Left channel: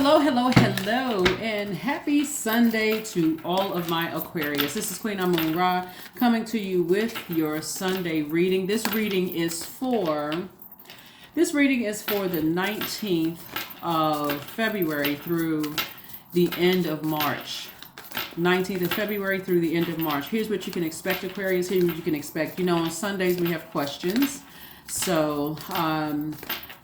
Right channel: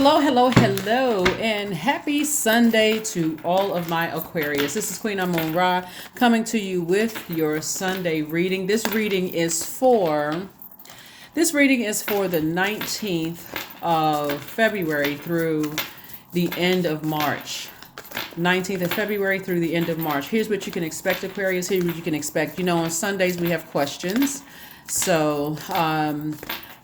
Hello, and happy Sunday to all of my Aquarius. This is Queen Amun Ra coming to you with your Sunday reading. This reading is for the 19th of February through the end of March. 19th of February through the end of March. Here's what you can expect, Aquarius. Here's what you can expect. On Sundays we have questions. So,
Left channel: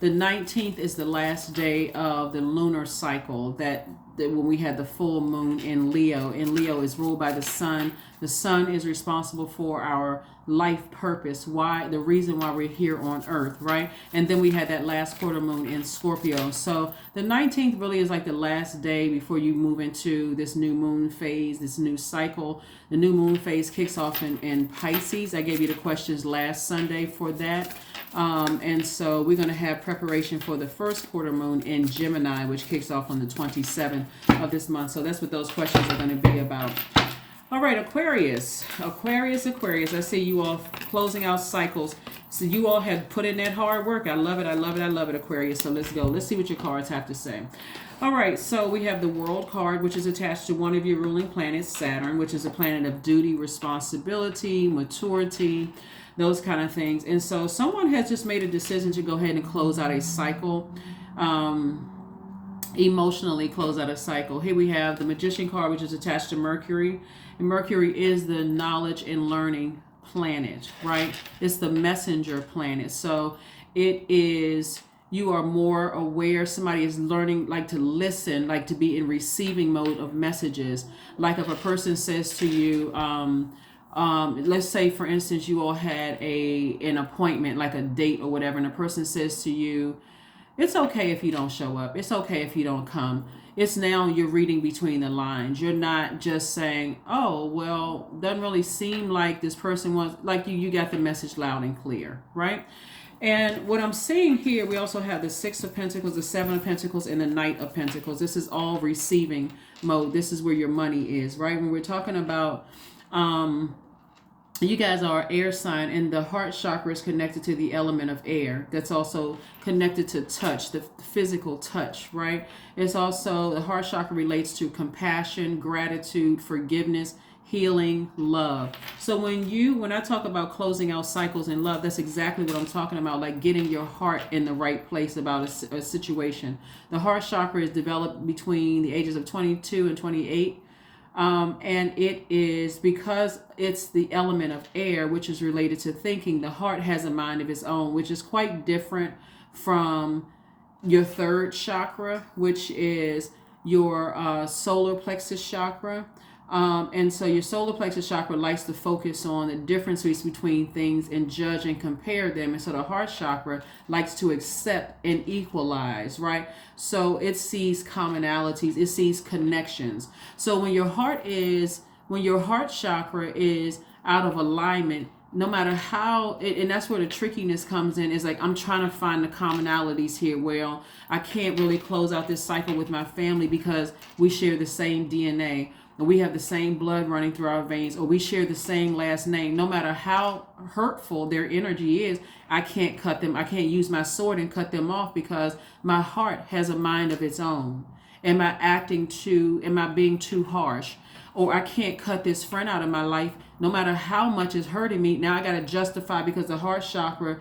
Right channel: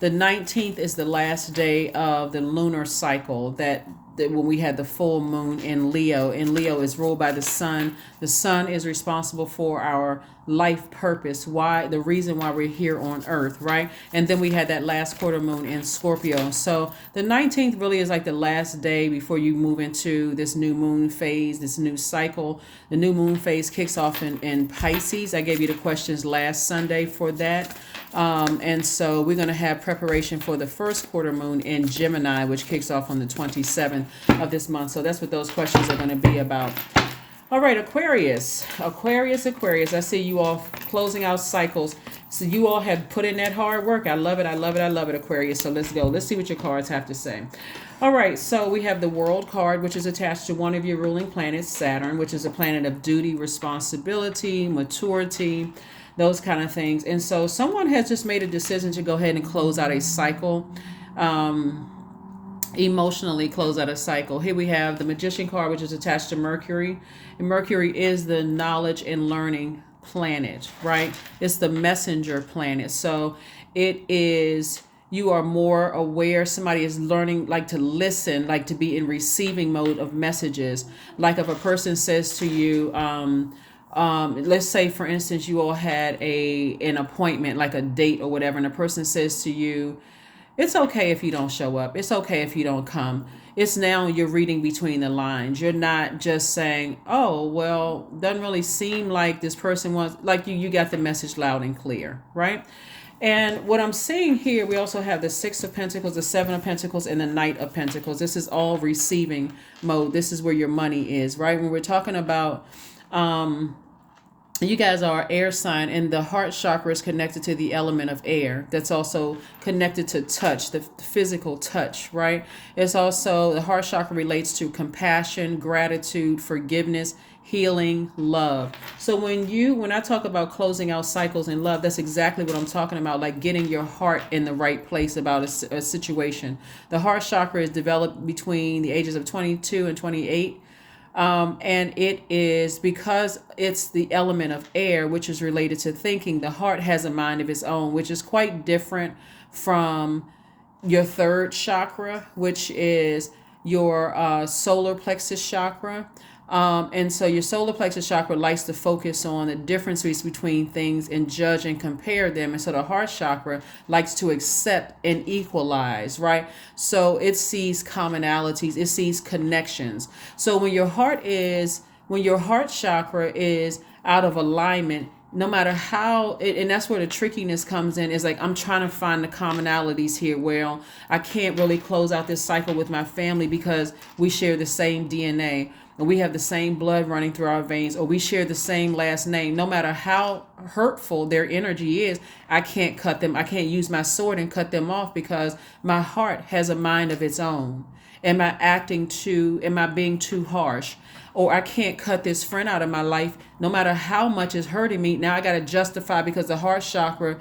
the 19th is the last day of the lunar cycle that when we had the full moon in Leo, and Leo is ruled by the sun. The sun is responsible for our life purpose, the reason why we're here on earth, right? And then we had that last quarter moon in Scorpio. So the 19th really is like the last day before you move into this new moon phase, this new cycle. The new moon phase kicks off in Pisces. I gave you the questions last Sunday for that. And so we're going to have preparation for the first quarter moon in Gemini, which kicks off on the 27th of this month. So that's what those questions are going to be about. All right, Aquarius. I see you all closing out cycles. So you all have put in that hard work. I love it, Aquarius. So let's go. Let's see what your cards have to say. All right, so we have the World card, which is attached to one of your ruling planets, Saturn, which is a planet of duty, responsibility, maturity, those kind of things. And so someone has just made a decision to go ahead and close out a cycle, emotionally close out a cycle. Here we have the Magician card, which is attached to Mercury. And Mercury is the knowledge and learning planet, right? It's the messenger planet. So it is, you are more aware. Somebody is learning, like to listen, like to be in receiving mode of messages. Like if a person says to you, let's say, for instance, you all had an appointment, like a date or whatever, and a person says to you, it's okay if you don't show up. It's okay if you don't come. It's now you're reading between the lines. You're not just saying, oh, well, doesn't really seem like this person wants, like you got the message loud and clear, right? And what I'm seeing here, we also have the Six of Pentacles, the Seven of Pentacles, and the Knight of Pentacles. This is all receiving mode. This is where your money is, right? When we're talking about, you guys are air sign, and the heart chakra is connected to the element of air. That's also connected to touch, the physical touch, right? It's also, the heart chakra relates to compassion, gratitude, forgiveness, healing, love. So when I talk about closing out cycles in love, that's exactly what I'm talking about, like getting your heart in the right place about a situation. The heart chakra is developed between the ages of 22 and 28. And it is because it's the element of air, which is related to thinking. The heart has a mind of its own, which is quite different from your third chakra, which is your solar plexus chakra. And so your solar plexus chakra likes to focus on the differences between things and judge and compare them. And so the heart chakra likes to accept and equalize, right? So it sees commonalities, it sees connections. So when your heart chakra is out of alignment, no matter how, and that's where the trickiness comes in, is like, I'm trying to find the commonalities here. Well, I can't really close out this cycle with my family because we share the same DNA, or we have the same blood running through our veins, or we share the same last name. No matter how hurtful their energy is, I can't cut them. I can't use my sword and cut them off because my heart has a mind of its own. Am I being too harsh? Or I can't cut this friend out of my life no matter how much it's hurting me. Now I got to justify, because the heart chakra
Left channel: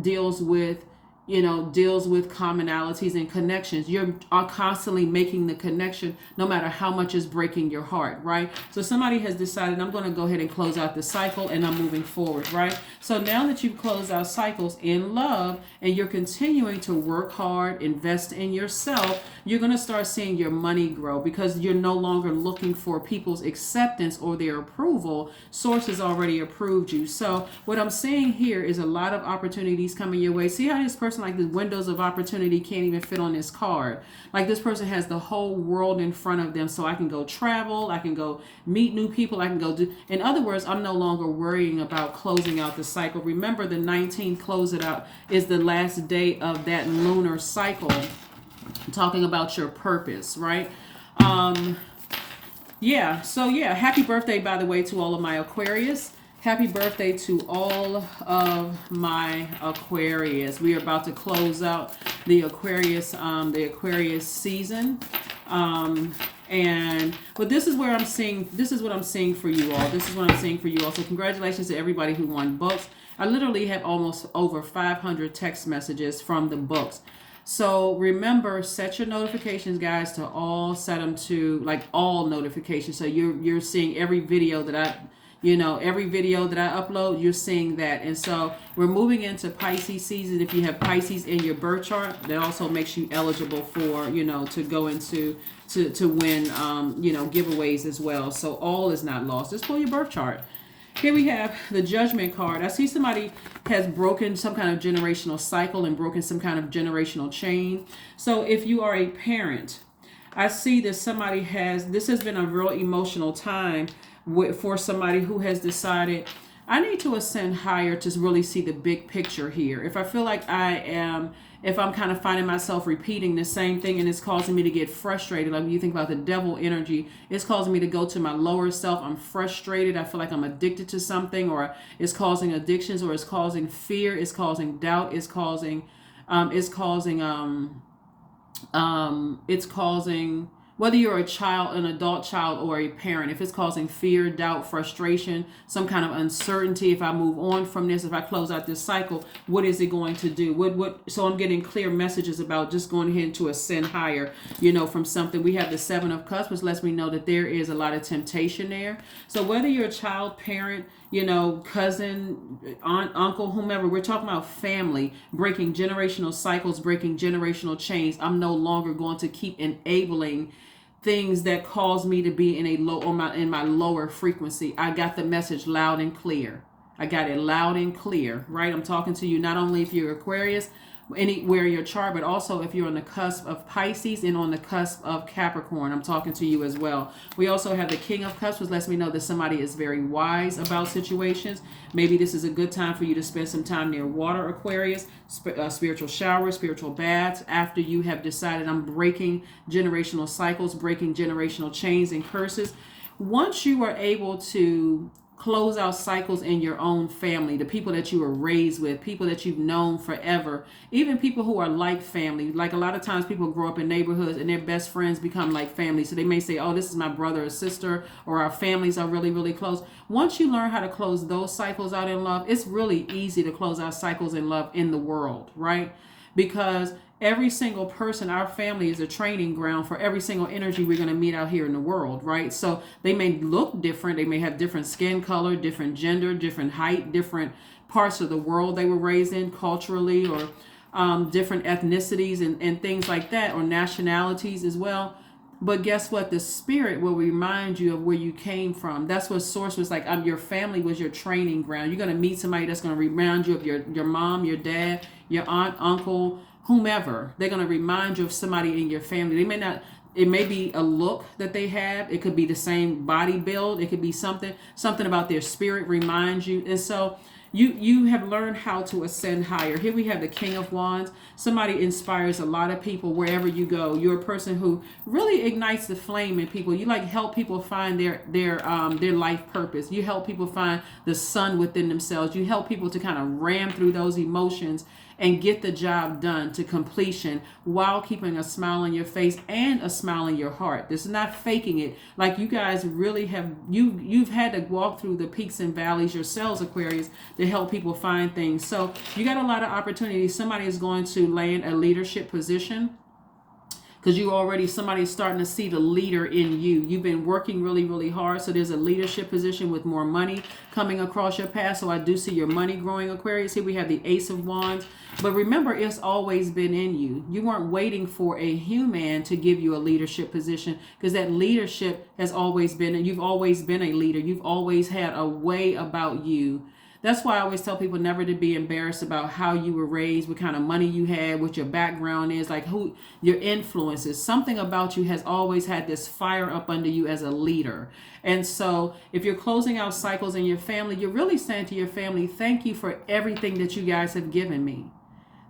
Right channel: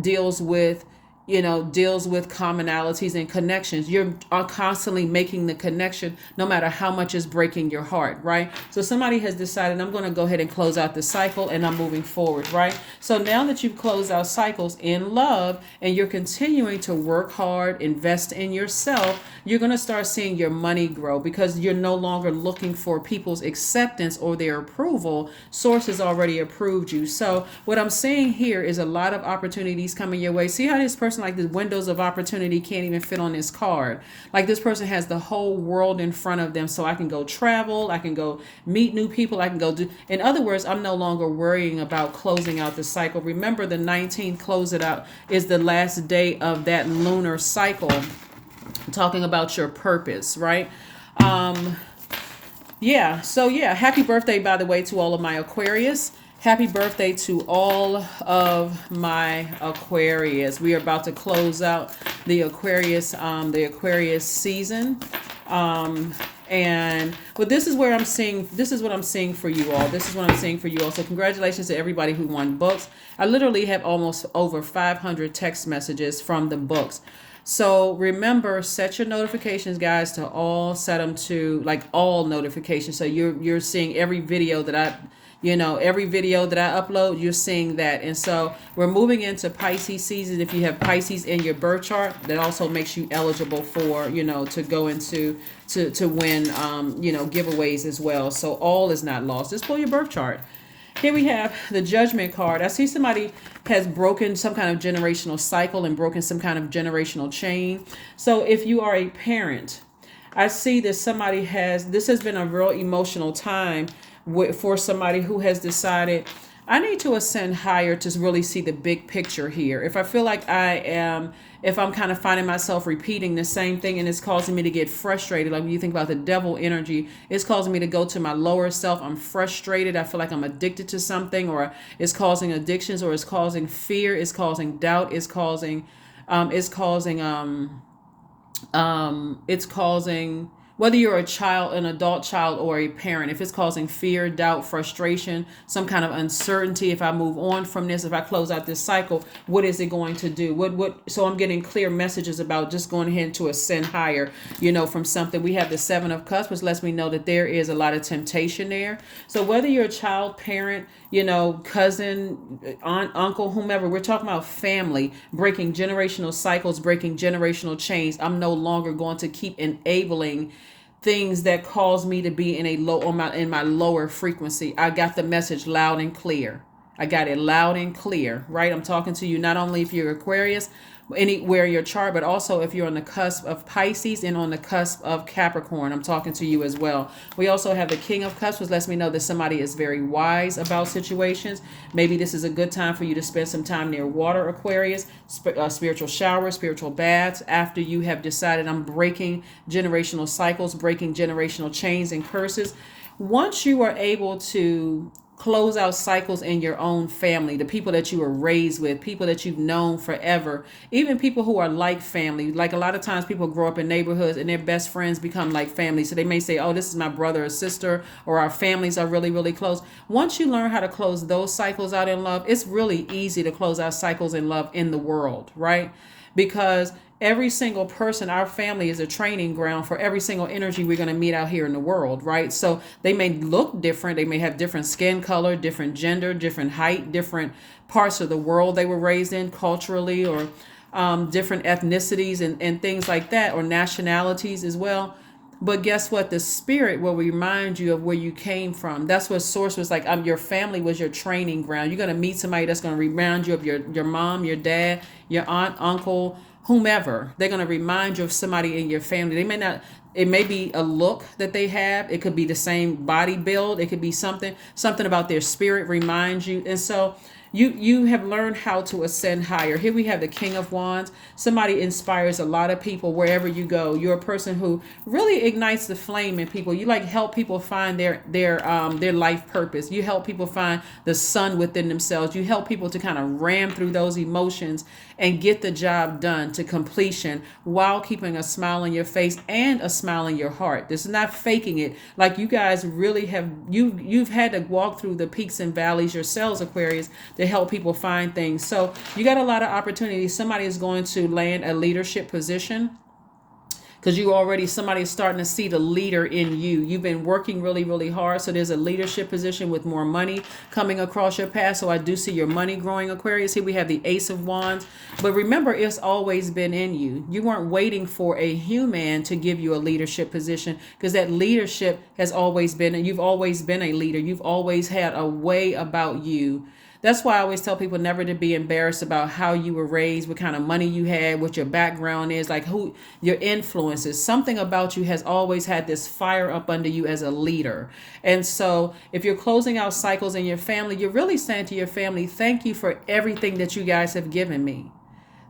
deals with commonalities and connections. You are constantly making the connection no matter how much is breaking your heart, right? So somebody has decided, I'm going to go ahead and close out the cycle, and I'm moving forward, right? So now that you've closed out cycles in love and you're continuing to work hard, invest in yourself, you're going to start seeing your money grow because you're no longer looking for people's acceptance or their approval. Source has already approved you. So what I'm saying here is a lot of opportunities coming your way. See how this person, like the windows of opportunity, can't even fit on this card. Like this person has the whole world in front of them. So I can go travel, I can go meet new people, I can go do, in other words, I'm no longer worrying about closing out the cycle. Remember, the 19th, close it out, is the last day of that lunar cycle. I'm talking about your purpose, right? So happy birthday, by the way, to all of my Aquarius. Happy birthday to all of my Aquarius. We are about to close out the Aquarius season. And but this is where I'm seeing, this is what I'm seeing for you all. This is what I'm seeing for you all. So congratulations to everybody who won books. I literally have almost over 500 text messages from the books. So remember, set your notifications, guys, to all. Set them to like all notifications. So you're seeing every video that every video that I upload, you're seeing that. And so we're moving into Pisces season. If you have Pisces in your birth chart, that also makes you eligible for, to go into, to win, giveaways as well. So all is not lost. Just pull your birth chart. Here we have the Judgment card. I see somebody has broken some kind of generational cycle and broken some kind of generational chain. So if you are a parent, I see that this has been a real emotional time for somebody who has decided, I need to ascend higher to really see the big picture here. If I feel like if I'm kind of finding myself repeating the same thing and it's causing me to get frustrated, like when you think about the devil energy, it's causing me to go to my lower self. I'm frustrated. I feel like I'm addicted to something, or it's causing addictions, or it's causing fear, it's causing doubt, it's causing whether you're a child, an adult child, or a parent, if it's causing fear, doubt, frustration, some kind of uncertainty, if I move on from this, if I close out this cycle, what is it going to do? So I'm getting clear messages about just going ahead to ascend higher, from something. We have the Seven of Cups, which lets me know that there is a lot of temptation there. So whether you're a child, parent, cousin, aunt, uncle, whomever, we're talking about family, breaking generational cycles, breaking generational chains. I'm no longer going to keep enabling things that cause me to be in my lower frequency. I got the message loud and clear. I got it loud and clear, right? I'm talking to you not only if you're Aquarius, anywhere in your chart, but also if you're on the cusp of Pisces and on the cusp of Capricorn, I'm talking to you as well. We also have the King of Cups, which lets me know that somebody is very wise about situations. Maybe this is a good time for you to spend some time near water, Aquarius, spiritual showers, spiritual baths, after you have decided I'm breaking generational cycles, breaking generational chains and curses. Once you are able to close out cycles in your own family, the people that you were raised with, people that you've known forever, even people who are like family. Like a lot of times people grow up in neighborhoods and their best friends become like family. So they may say, oh, this is my brother or sister, or our families are really, really close. Once you learn how to close those cycles out in love, it's really easy to close out cycles in love in the world, right? Because every single person, our family is a training ground for every single energy we're going to meet out here in the world, right? So they may look different. They may have different skin color, different gender, different height, different parts of the world they were raised in culturally, or different ethnicities and things like that, or nationalities as well. But guess what? The spirit will remind you of where you came from. That's what Source was like. Your family was your training ground. You're going to meet somebody that's going to remind you of your mom, your dad, your aunt, uncle, whomever. They're going to remind you of somebody in your family. They may not, it may be a look that they have. It could be the same body build. It could be something about their spirit reminds you. And so you have learned how to ascend higher. Here we have the King of Wands. Somebody inspires a lot of people wherever you go. You're a person who really ignites the flame in people. You like help people find their life purpose. You help people find the sun within themselves. You help people to kind of ram through those emotions and get the job done to completion while keeping a smile on your face and a smile in your heart. This is not faking it. Like you guys really have, you've had to walk through the peaks and valleys yourselves, Aquarius, to help people find things. So you got a lot of opportunities. Somebody is going to land a leadership position, because somebody's starting to see the leader in you. You've been working really, really hard. So there's a leadership position with more money coming across your path. So I do see your money growing, Aquarius. Here we have the Ace of Wands. But remember, it's always been in you. You weren't waiting for a human to give you a leadership position, because that leadership has always been, and you've always been a leader. You've always had a way about you. That's why I always tell people never to be embarrassed about how you were raised, what kind of money you had, what your background is, like who your influences. Something about you has always had this fire up under you as a leader. And so if you're closing out cycles in your family, you're really saying to your family, thank you for everything that you guys have given me.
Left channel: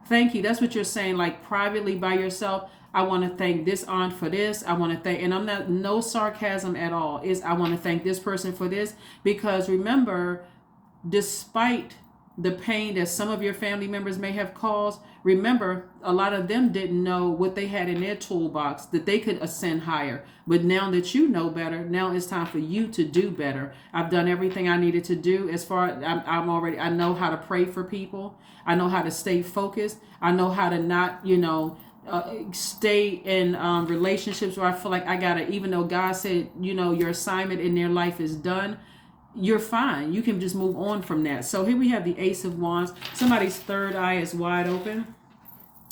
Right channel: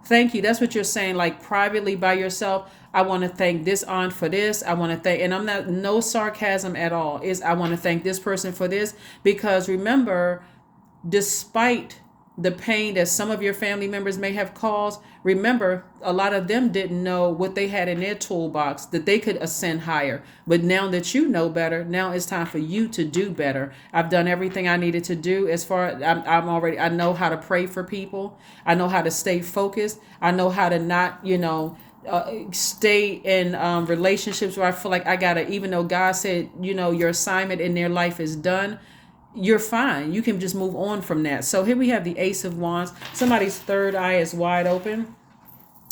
Thank you. That's what you're saying, like privately by yourself. I want to thank this aunt for this. I want to thank, and I'm not, no sarcasm at all, is I want to thank this person for this, because remember, despite the pain that some of your family members may have caused, remember, a lot of them didn't know what they had in their toolbox that they could ascend higher. But now that you know better, now it's time for you to do better. I've done everything I needed to do. As far as I know how to pray for people. I know how to stay focused. I know how to not, stay in relationships where I feel like I gotta, even though God said, your assignment in their life is done, you're fine. You can just move on from that. So here we have the Ace of Wands. Somebody's third eye is wide open.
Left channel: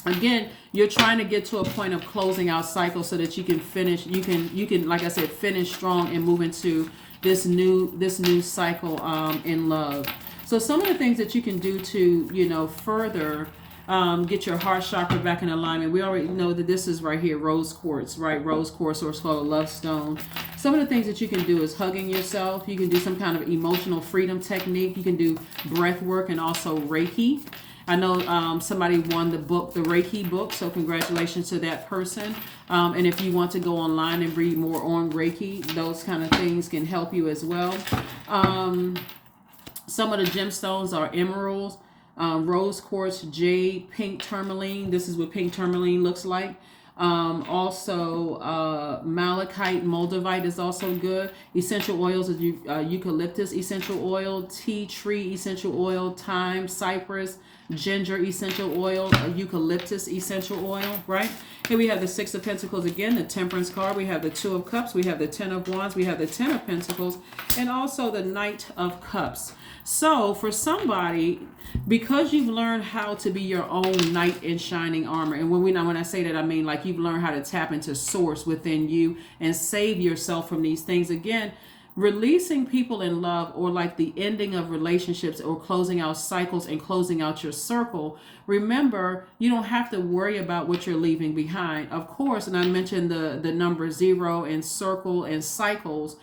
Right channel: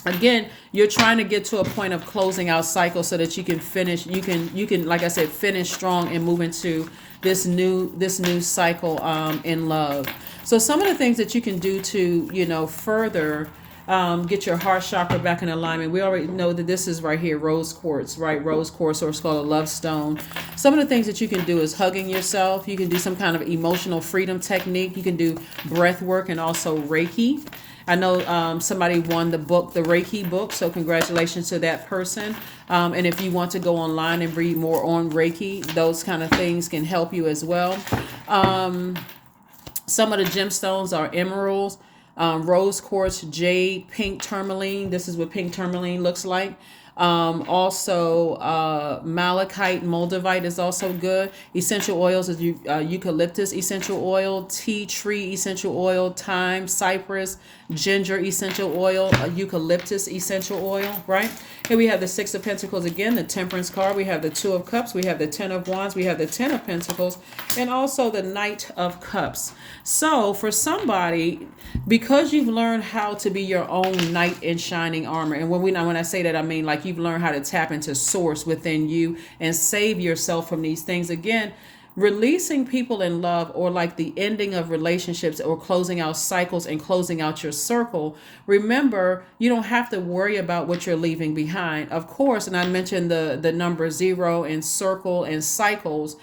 Again, you're trying to get to a point of closing out cycles so that you can finish. You can, like I said, finish strong and move into this new cycle in love. So some of the things that you can do to, further get your heart chakra back in alignment. We already know that this is right here, rose quartz, right? Rose quartz, or it's called a love stone. Some of the things that you can do is hugging yourself. You can do some kind of emotional freedom technique. You can do breath work and also Reiki. I know somebody won the book, the Reiki book, so congratulations to that person. And if you want to go online and read more on Reiki, those kind of things can help you as well. Some of the gemstones are emeralds, rose quartz, jade, pink tourmaline. This is what pink tourmaline looks like. Also, malachite, moldavite is also good. Essential oils is eucalyptus essential oil, tea tree essential oil, thyme, cypress, ginger essential oil, eucalyptus essential oil, right? Here we have the Six of Pentacles again, the Temperance card. We have the Two of Cups. We have the Ten of Wands. We have the Ten of Pentacles, and also the Knight of Cups. So for somebody, because you've learned how to be your own knight in shining armor, and when I say that, I mean like you've learned how to tap into source within you and save yourself from these things. Again, releasing people in love, or like the ending of relationships, or closing out cycles and closing out your circle. Remember, you don't have to worry about what you're leaving behind. Of course, and I mentioned the number 0 and circle and cycles,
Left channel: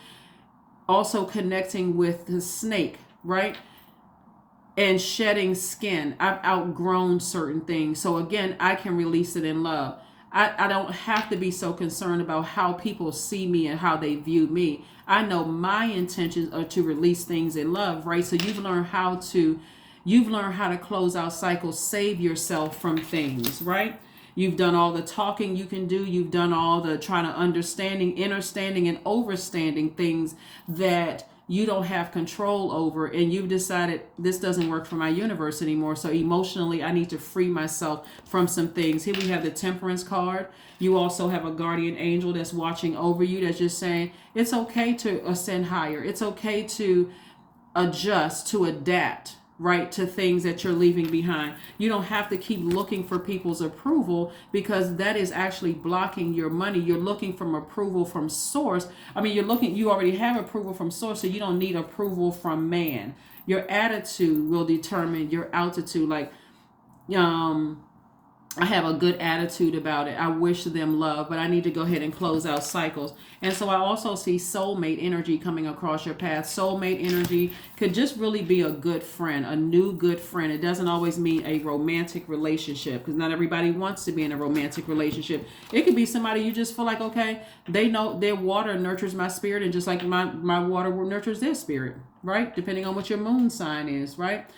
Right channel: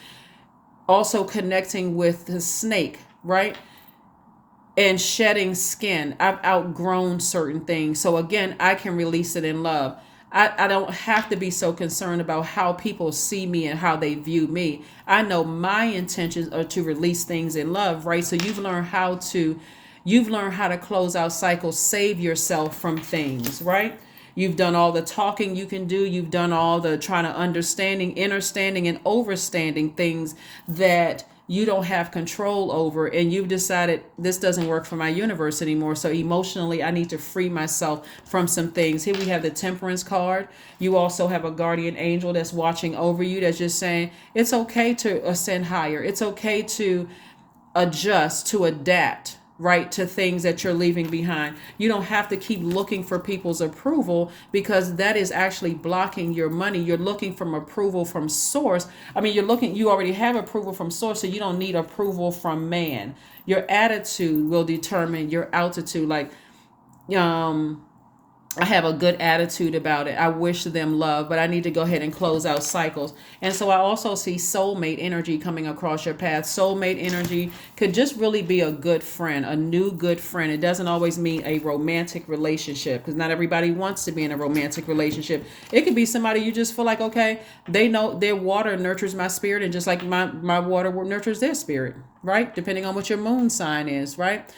also connecting with the snake, right? And shedding skin. I've outgrown certain things. So again, I can release it in love. I don't have to be so concerned about how people see me and how they view me. I know my intentions are to release things in love, right? So you've learned how to close out cycles, save yourself from things, right? You've done all the talking you can do. You've done all the trying to understanding, understanding, and overstanding things that you don't have control over, and you've decided this doesn't work for my universe anymore. So emotionally, I need to free myself from some things. Here we have the Temperance card. You also have a guardian angel that's watching over you, that's just saying it's okay to ascend higher. It's okay to adjust, to adapt, right, to things that you're leaving behind. You don't have to keep looking for people's approval, because that is actually blocking your money. You're looking for approval from source. I mean, you already have approval from source, so you don't need approval from man. Your attitude will determine your altitude. Like, I have a good attitude about it. I wish them love, but I need to go ahead and close out cycles. And so I also see soulmate energy coming across your path. Soulmate energy could just really be a good friend, a new good friend. It doesn't always mean a romantic relationship, because not everybody wants to be in a romantic relationship. It could be somebody you just feel like, okay, they know their water nurtures my spirit, and just like my water nurtures their spirit, right? Depending on what your moon sign is, right?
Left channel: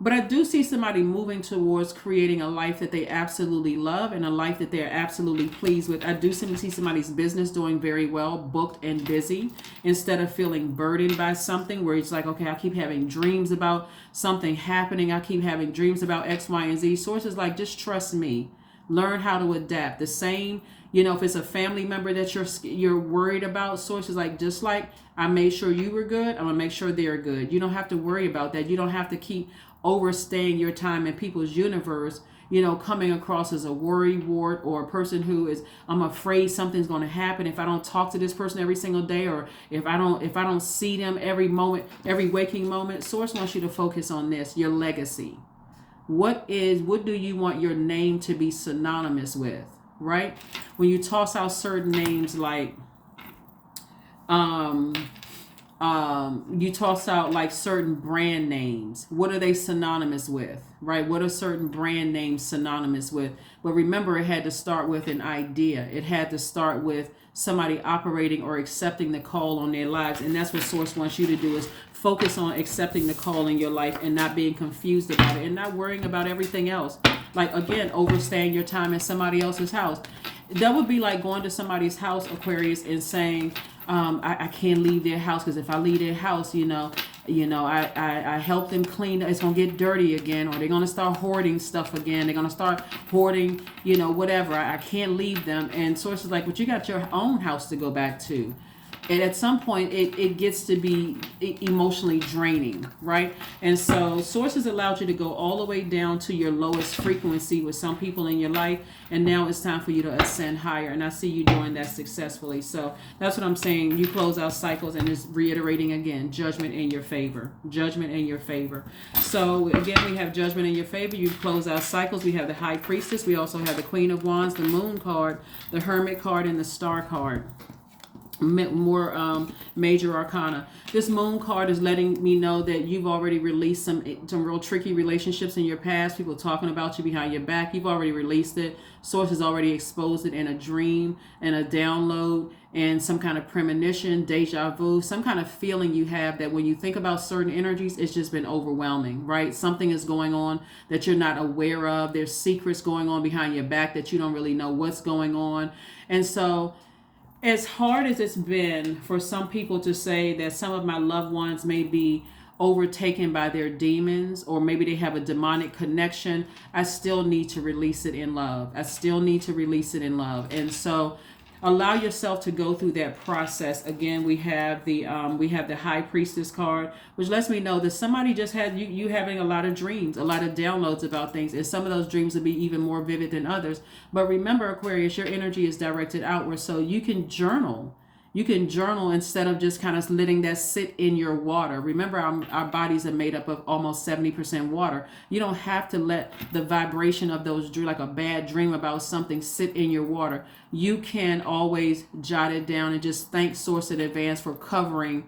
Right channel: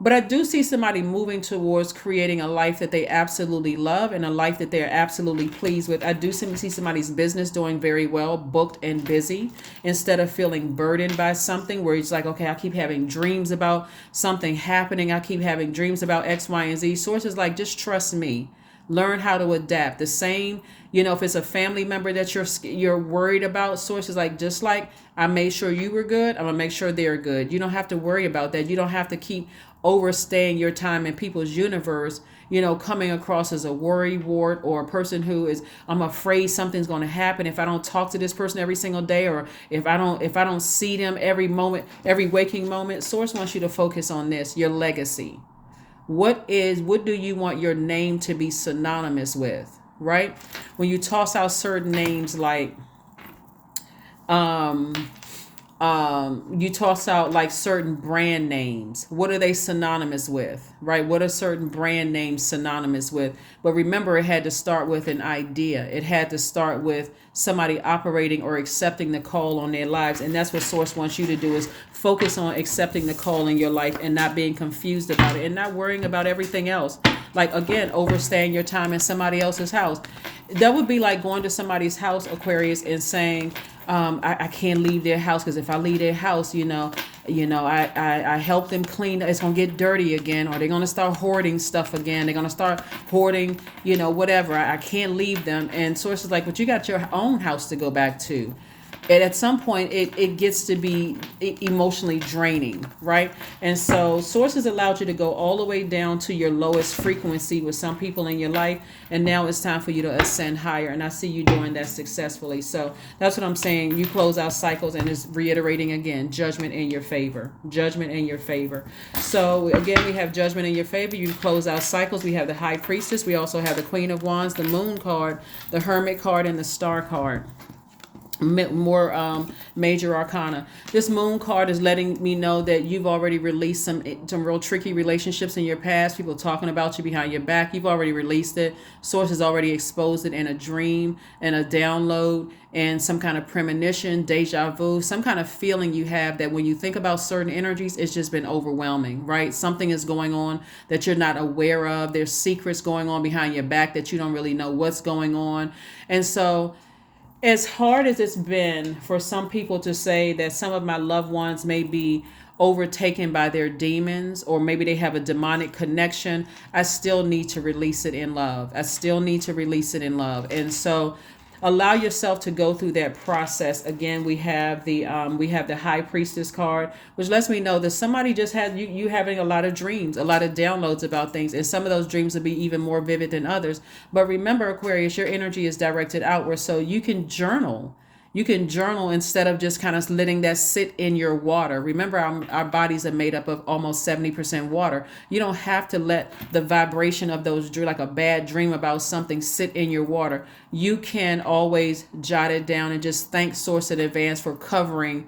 But I do see somebody moving towards creating a life that they absolutely love and a life that they're absolutely pleased with. I do see somebody's business doing very well, booked and busy, instead of feeling burdened by something where it's like, okay, I keep having dreams about something happening. I keep having dreams about X, Y, and Z. Sources like, just trust me. Learn how to adapt. The same, if it's a family member that you're worried about, sources like, just like I made sure you were good, I'm going to make sure they're good. You don't have to worry about that. You don't have to keep overstaying your time in people's universe, coming across as a worry wart, or a person who is, I'm afraid something's going to happen if I don't talk to this person every single day, or if I don't see them every moment, every waking moment. Source wants you to focus on this, your legacy. What do you want your name to be synonymous with, right? When you toss out certain names like You toss out like certain brand names. What are they synonymous with, right? What are certain brand names synonymous with? But remember, it had to start with an idea. It had to start with somebody operating or accepting the call on their lives. And that's what Source wants you to do, is focus on accepting the call in your life and not being confused about it and not worrying about everything else. Like, again, overstaying your time in somebody else's house. That would be like going to somebody's house, Aquarius, and saying, I can't leave their house because if I leave their house, I help them clean. It's going to get dirty again, or they're going to start hoarding stuff again. They're going to start hoarding, whatever. I can't leave them. And Source is like, but you got your own house to go back to. And at some point, it gets to be emotionally draining, right? And so Sources allowed you to go all the way down to your lowest frequency with some people in your life. And now it's time for you to ascend higher. And I see you doing that successfully. So that's what I'm saying. You close out cycles, and it's reiterating again, judgment in your favor. Judgment in your favor. So again, we have judgment in your favor. You close out cycles. We have the High Priestess. We also have the Queen of Wands, the Moon card, the Hermit card, and the Star card. More major arcana. This Moon card is letting me know that you've already released some real tricky relationships in your past. People talking about you behind your back. You've already released it. Source has already exposed it in a dream and a download and some kind of premonition, deja vu, some kind of feeling you have that when you think about certain energies, it's just been overwhelming, right? Something is going on that you're not aware of. There's secrets going on behind your back that you don't really know what's going on. And so as hard as it's been for some people to say that some of my loved ones may be overtaken by their demons, or maybe they have a demonic connection, I still need to release it in love. I still need to release it in love. And so allow yourself to go through that process. Again, we have the High Priestess card, which lets me know that somebody just had you having a lot of dreams, a lot of downloads about things, and some of those dreams will be even more vivid than others. But remember, Aquarius, your energy is directed outward, so you can journal. You can journal instead of just kind of letting that sit in your water. Remember, our bodies are made up of almost 70% water. You don't have to let the vibration of those, like a bad dream about something, sit in your water. You can always jot it down and just thank Source in advance for covering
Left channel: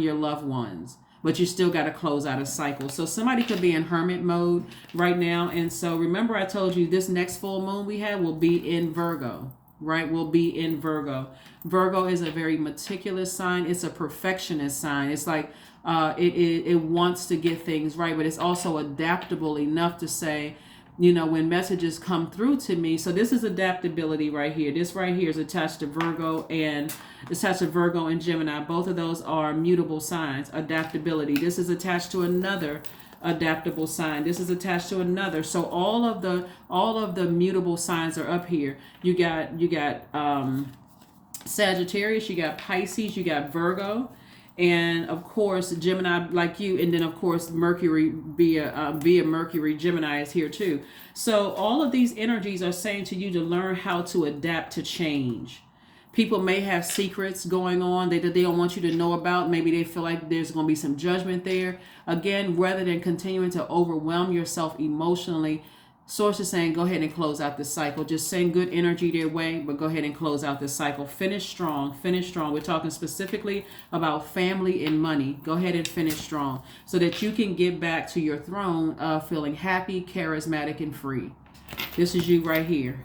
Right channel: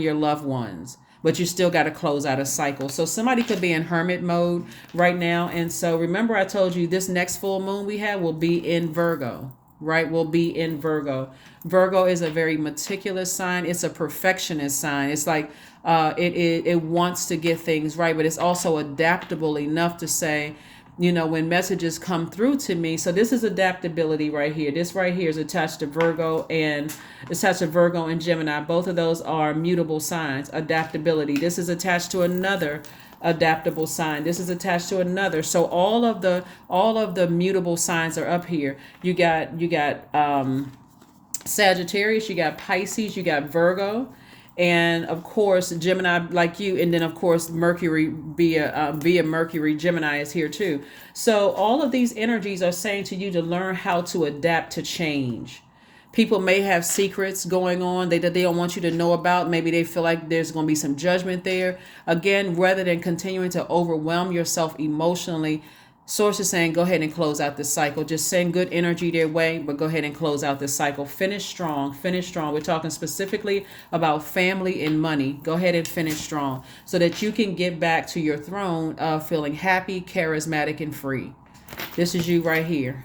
your loved ones. But you still got to close out a cycle. So somebody could be in hermit mode right now. And so remember, I told you this next full moon we have will be in Virgo, right? Will be in Virgo. Virgo is a very meticulous sign. It's a perfectionist sign. It's like it wants to get things right, but it's also adaptable enough to say, when messages come through to me. So this is adaptability right here. This right here is attached to Virgo and Gemini. Both of those are mutable signs. Adaptability. This is attached to another adaptable sign. This is attached to another. So all of the mutable signs are up here. You got Sagittarius, you got Pisces, you got Virgo, and of course Gemini, like you, and then of course Mercury via Mercury, Gemini is here too. So all of these energies are saying to you to learn how to adapt to change. People may have secrets going on that they don't want you to know about. Maybe they feel like there's going to be some judgment there. Again, rather than continuing to overwhelm yourself emotionally, Source is saying, go ahead and close out this cycle. Just send good energy their way, but go ahead and close out this cycle. Finish strong. Finish strong. We're talking specifically about family and money. Go ahead and finish strong so that you can get back to your throne of feeling happy, charismatic, and free. This is you right here.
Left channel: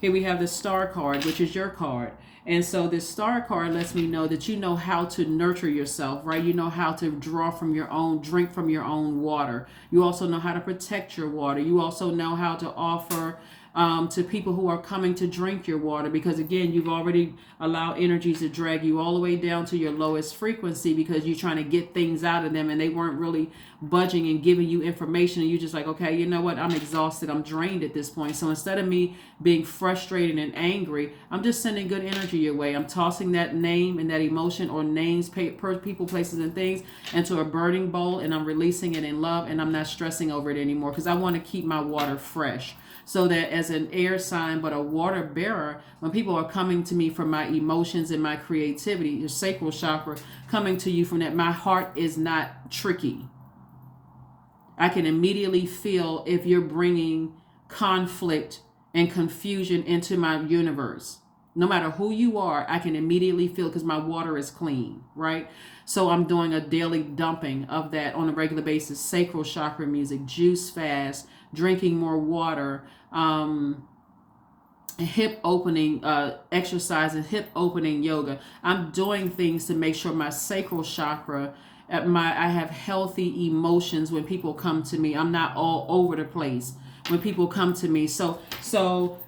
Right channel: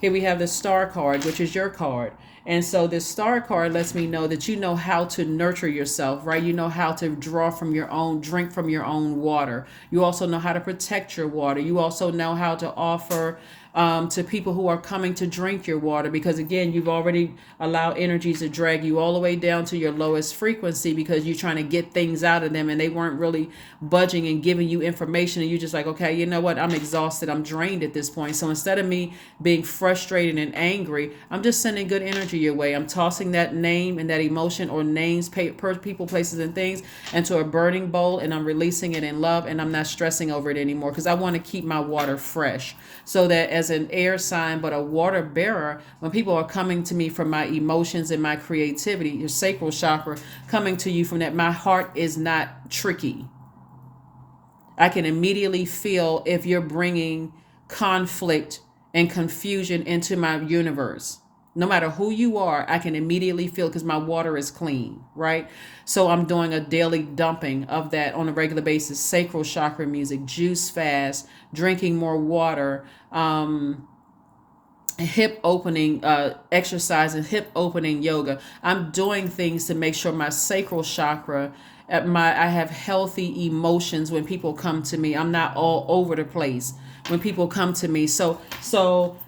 Here we have the Star card, which is your card. And so this Star card lets me know that you know how to nurture yourself, right? You know how to drink from your own water. You also know how to protect your water. You also know how to offer to people who are coming to drink your water, because again, you've already allowed energies to drag you all the way down to your lowest frequency because you're trying to get things out of them and they weren't really budging and giving you information, and you're just like, okay, you know what, I'm exhausted, I'm drained at this point. So instead of me being frustrated and angry, I'm just sending good energy your way. I'm tossing that name and that emotion or names, people, places, and things into a burning bowl, and I'm releasing it in love, and I'm not stressing over it anymore because I want to keep my water fresh. So that as an air sign, but a water bearer, when people are coming to me from my emotions and my creativity, your sacral chakra coming to you from that, my heart is not tricky. I can immediately feel if you're bringing conflict and confusion into my universe. No matter who you are, I can immediately feel because my water is clean, right? So I'm doing a daily dumping of that on a regular basis. Sacral chakra music, juice fast, drinking more water, hip opening exercise and hip opening yoga. I'm doing things to make sure my sacral chakra, I have healthy emotions when people come to me. I'm not all over the place when people come to me.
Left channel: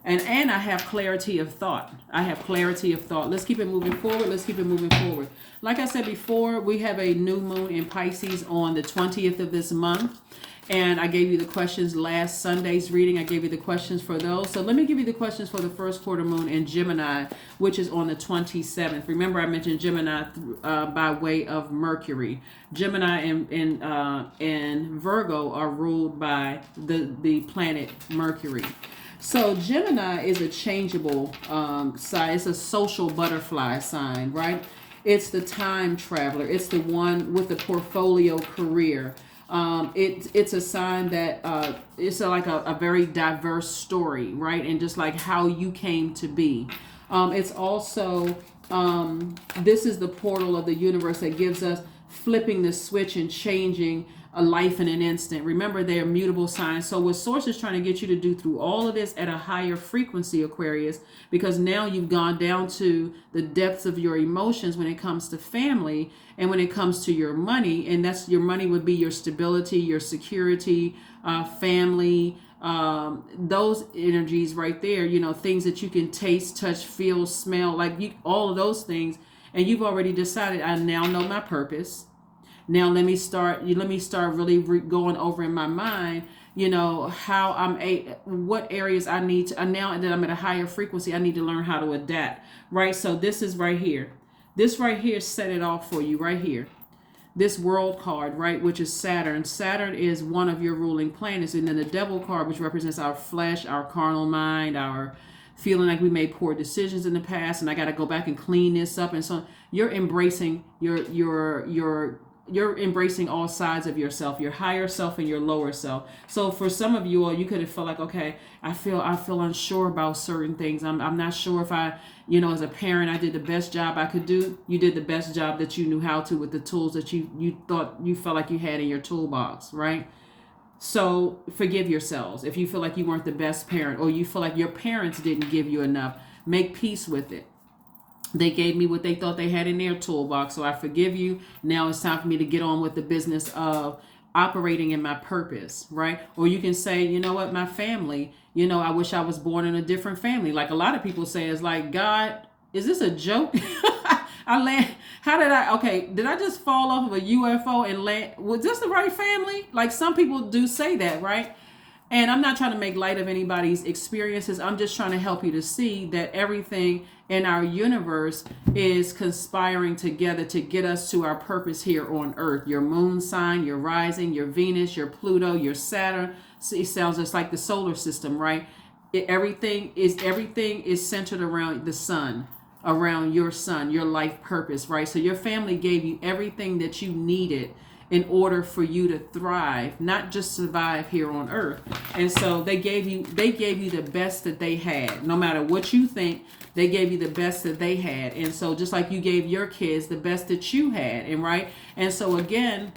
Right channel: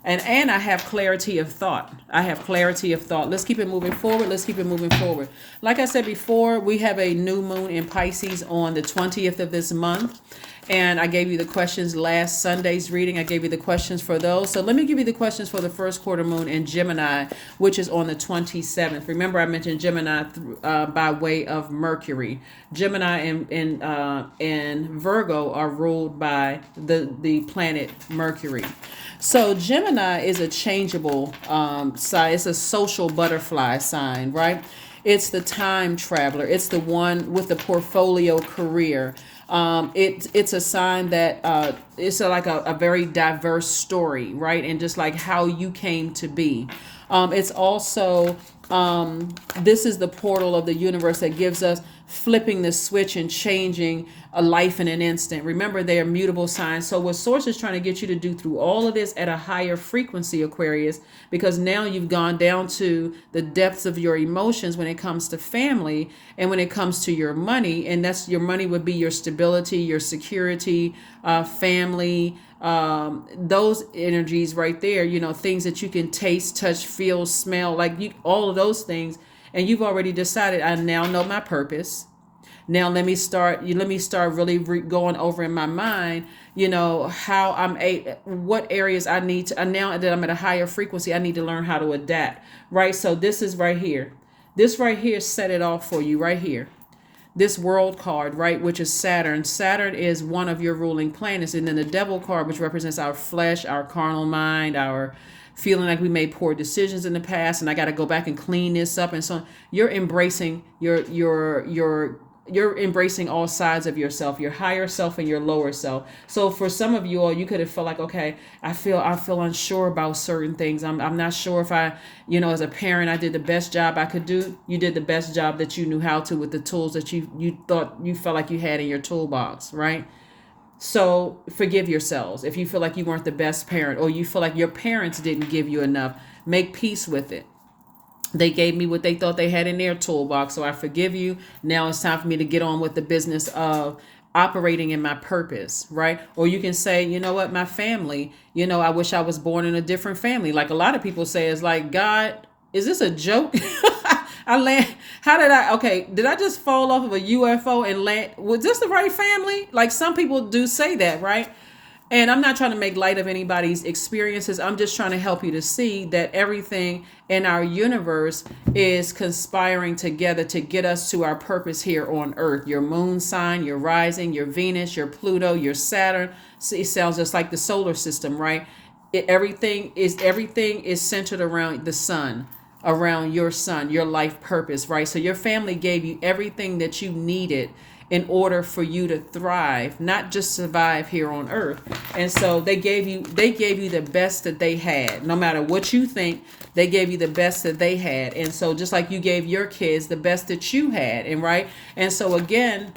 And I have clarity of thought. I have clarity of thought. Let's keep it moving forward. Let's keep it moving forward. Like I said before, we have a new moon in Pisces on the 20th of this month. And I gave you the questions last Sunday's reading. I gave you the questions for those. So let me give you the questions for the first quarter moon in Gemini, which is on the 27th. Remember, I mentioned Gemini by way of Mercury. Gemini and Virgo are ruled by the planet Mercury. So Gemini is a changeable sign. It's a social butterfly sign, right? It's the time traveler. It's the one with the portfolio career. It's a sign that it's like a very diverse story, right? And just like how you came to be. It's also, this is the portal of the universe that gives us flipping the switch and changing a life in an instant. Remember, they are mutable signs. So what Source is trying to get you to do through all of this at a higher frequency, Aquarius, because now you've gone down to the depths of your emotions when it comes to family and when it comes to your money. And that's your money would be your stability, your security, family, those energies right there, things that you can taste, touch, feel, smell, all of those things. And you've already decided, I now know my purpose. Now let me start really going over in my mind, how what areas I need to, now that I'm at a higher frequency, I need to learn how to adapt, right? So this is right here. This right here set it off for you right here. This world card, right, which is Saturn. Saturn is one of your ruling planets. And then the devil card, which represents our flesh, our carnal mind, our feeling like we made poor decisions in the past and I got to go back and clean this up. And so you're embracing you're embracing all sides of yourself, your higher self and your lower self. So for some of you all, you could have felt like, okay, I feel unsure about certain things. I'm not sure if I, as a parent, I did the best job I could do. You did the best job that you knew how to with the tools that you felt like you had in your toolbox, right? So forgive yourselves. If you feel like you weren't the best parent or you feel like your parents didn't give you enough, make peace with it. They gave me what they thought they had in their toolbox, so I forgive you. Now it's time for me to get on with the business of operating in my purpose, right? Or you can say, you know what, my family, I wish I was born in a different family. Like a lot of people say, it's like, God, is this a joke? Did I just fall off of a UFO and land? Was this the right family? Like some people do say that, right? And I'm not trying to make light of anybody's experiences. I'm just trying to help you to see that everything in our universe is conspiring together to get us to our purpose here on Earth. Your moon sign, your rising, your Venus, your Pluto, your Saturn. It sounds just like the solar system, right? Everything is centered around the sun, around your sun, your life purpose, right? So your family gave you everything that you needed in order for you to thrive, not just survive here on Earth. And so they gave you the best that they had. No matter what you think, they gave you the best that they had. And so just like you gave your kids the best that you had, and right? And so again,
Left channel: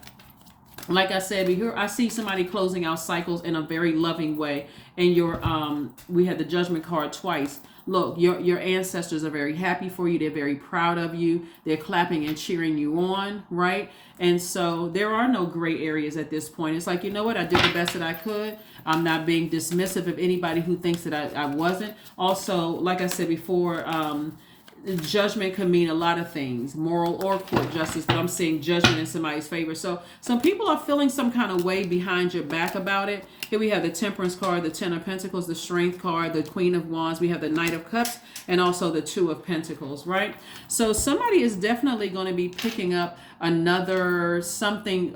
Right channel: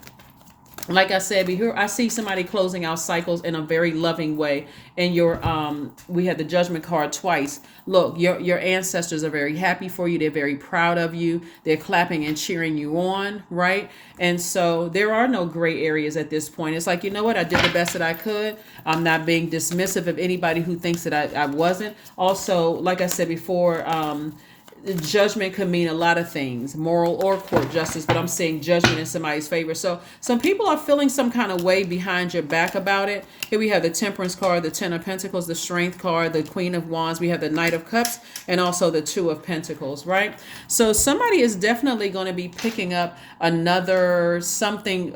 like I said, I see somebody closing out cycles in a very loving way. And we had the judgment card twice. Look, your ancestors are very happy for you. They're very proud of you. They're clapping and cheering you on, right? And so there are no gray areas at this point. It's like, you know what? I did the best that I could. I'm not being dismissive of anybody who thinks that I wasn't. Also, like I said before, judgment could mean a lot of things, moral or court justice, but I'm saying judgment in somebody's favor. So some people are feeling some kind of way behind your back about it. Here we have the Temperance card, the Ten of Pentacles, the Strength card, the Queen of Wands. We have the Knight of Cups and also the Two of Pentacles, right? So somebody is definitely going to be picking up another stream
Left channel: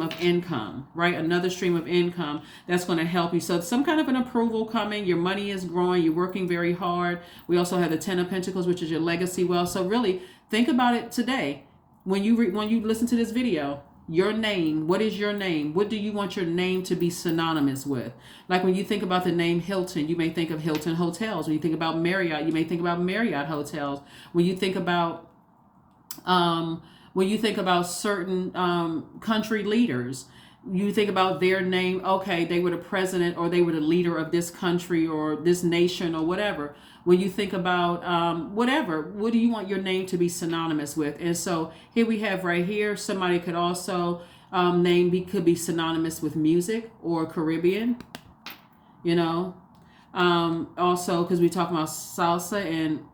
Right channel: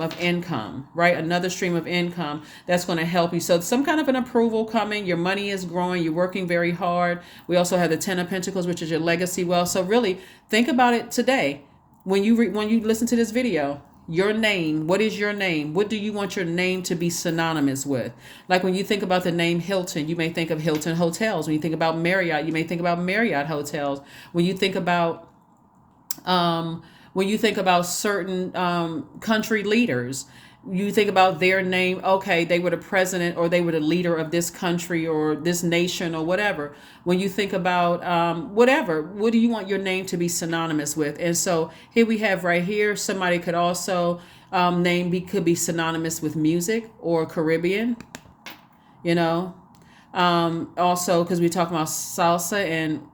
of income, right? Another stream of income that's going to help you. So some kind of an approval coming. Your money is growing. You're working very hard. We also have the Ten of Pentacles, which is your legacy wealth. So really think about it today. When you listen to this video, Your name. What is your name? What do you want your name to be synonymous with? Like when you think about the name Hilton, you may think of Hilton Hotels. When you think about Marriott, you may think about Marriott Hotels. When you think about um, certain country leaders, you think about their name. Okay, they were the president or they were the leader of this country or this nation or whatever. When you think about whatever, what do you want your name to be synonymous with? And so here we have right here, somebody could also could be synonymous with music or Caribbean, you know. Also, because we talk about salsa and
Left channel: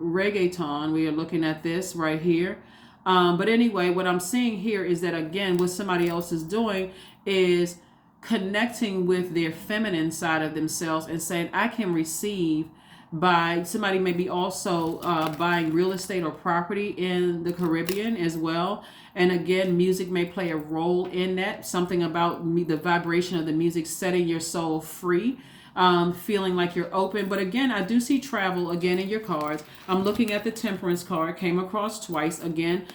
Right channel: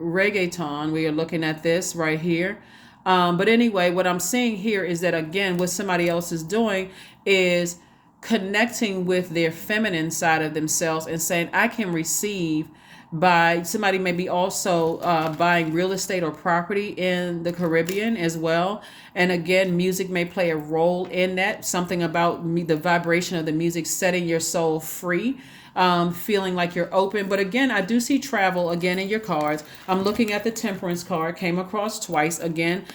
reggaeton, we are looking at this right here. But anyway, what I'm seeing here is that, again, what somebody else is doing is connecting with their feminine side of themselves and saying, I can receive by somebody maybe also buying real estate or property in the Caribbean as well. And again, music may play a role in that. Something about the vibration of the music setting your soul free, feeling like you're open. But again, I do see travel again in your cards. I'm looking at the Temperance card, came across twice. Again,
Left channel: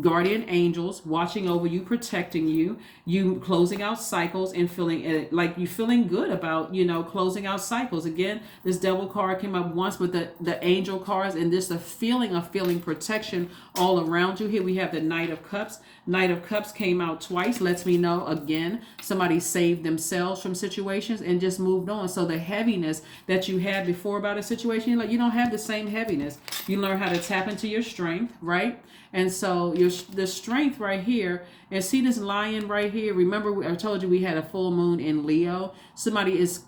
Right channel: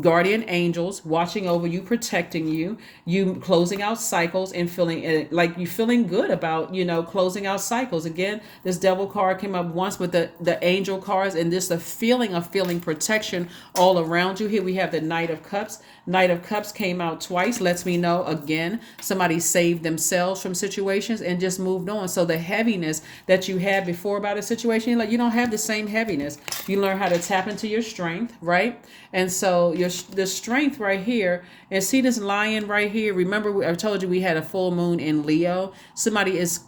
guardian angels watching over you, protecting you, you closing out cycles and feeling like you feeling good about, closing out cycles. Again, this devil card came up once with the angel cards, and this the feeling of feeling protection all around you. Here we have the Knight of Cups. Knight of Cups came out twice, lets me know again somebody saved themselves from situations and just moved on. So the heaviness that you had before about a situation, like you don't have the same heaviness. You learn how to tap into your strength, right? And so the strength right here, and see this lion right here. Remember, I told you we had a full moon in Leo. Somebody is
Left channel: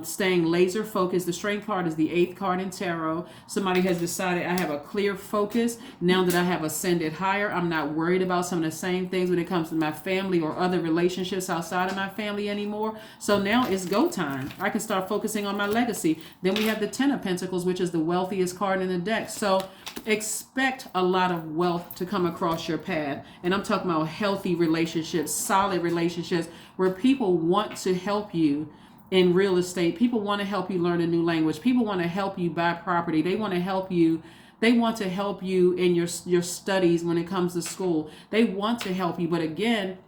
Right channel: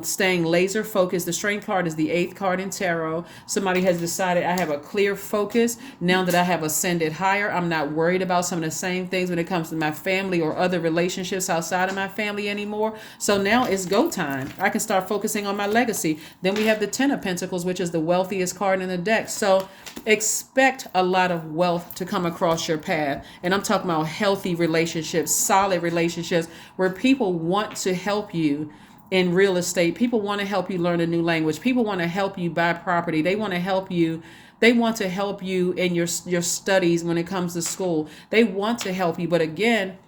staying laser focused. The strength card is the 8th card in tarot. Somebody has decided, I have a clear focus now that I have ascended higher. I'm not worried about some of the same things when it comes to my family or other relationships outside of my family anymore. So now it's go time. I can start focusing on my legacy. Then we have the 10 of Pentacles, which is the wealthiest card in the deck. So expect a lot of wealth to come across your path. And I'm talking about healthy relationships, solid relationships where people want to help you in real estate. People want to help you learn a new language. People want to help you buy property. They want to help you. They want to help you in your studies when it comes to school. They want to help you. But again,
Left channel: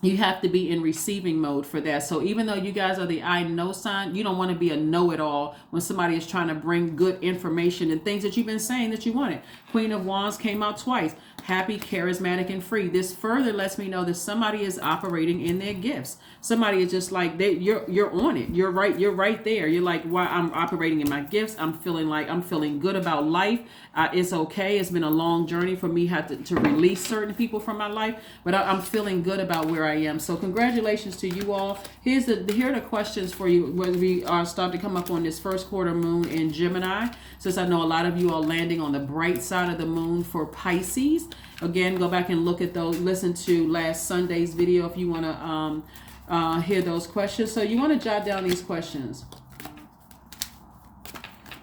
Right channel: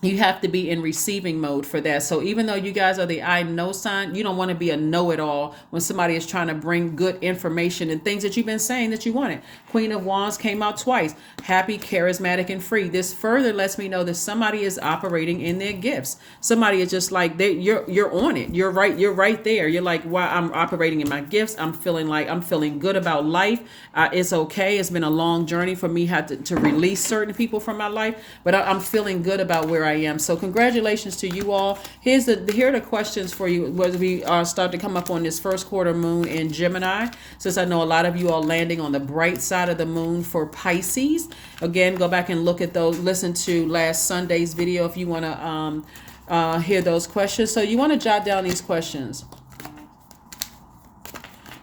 you have to be in receiving mode for that. So even though you guys are the I know sign, you don't want to be a know-it-all when somebody is trying to bring good information and things that you've been saying that you wanted. Queen of Wands came out twice. Happy, charismatic, and free. This further lets me know that somebody is operating in their gifts. Somebody is just like you're on it. You're right there. You're like, wow, I'm operating in my gifts. I'm feeling good about life. It's okay. It's been a long journey for me to release certain people from my life, but I'm feeling good about where I am. So congratulations to you all. Here are the questions for you as we start to come up on this first quarter moon in Gemini, since I know a lot of you are landing on the bright side of the moon for Pisces. Again, go back and look at those, listen to last Sunday's video if you want to hear those questions. So you want to jot down these questions.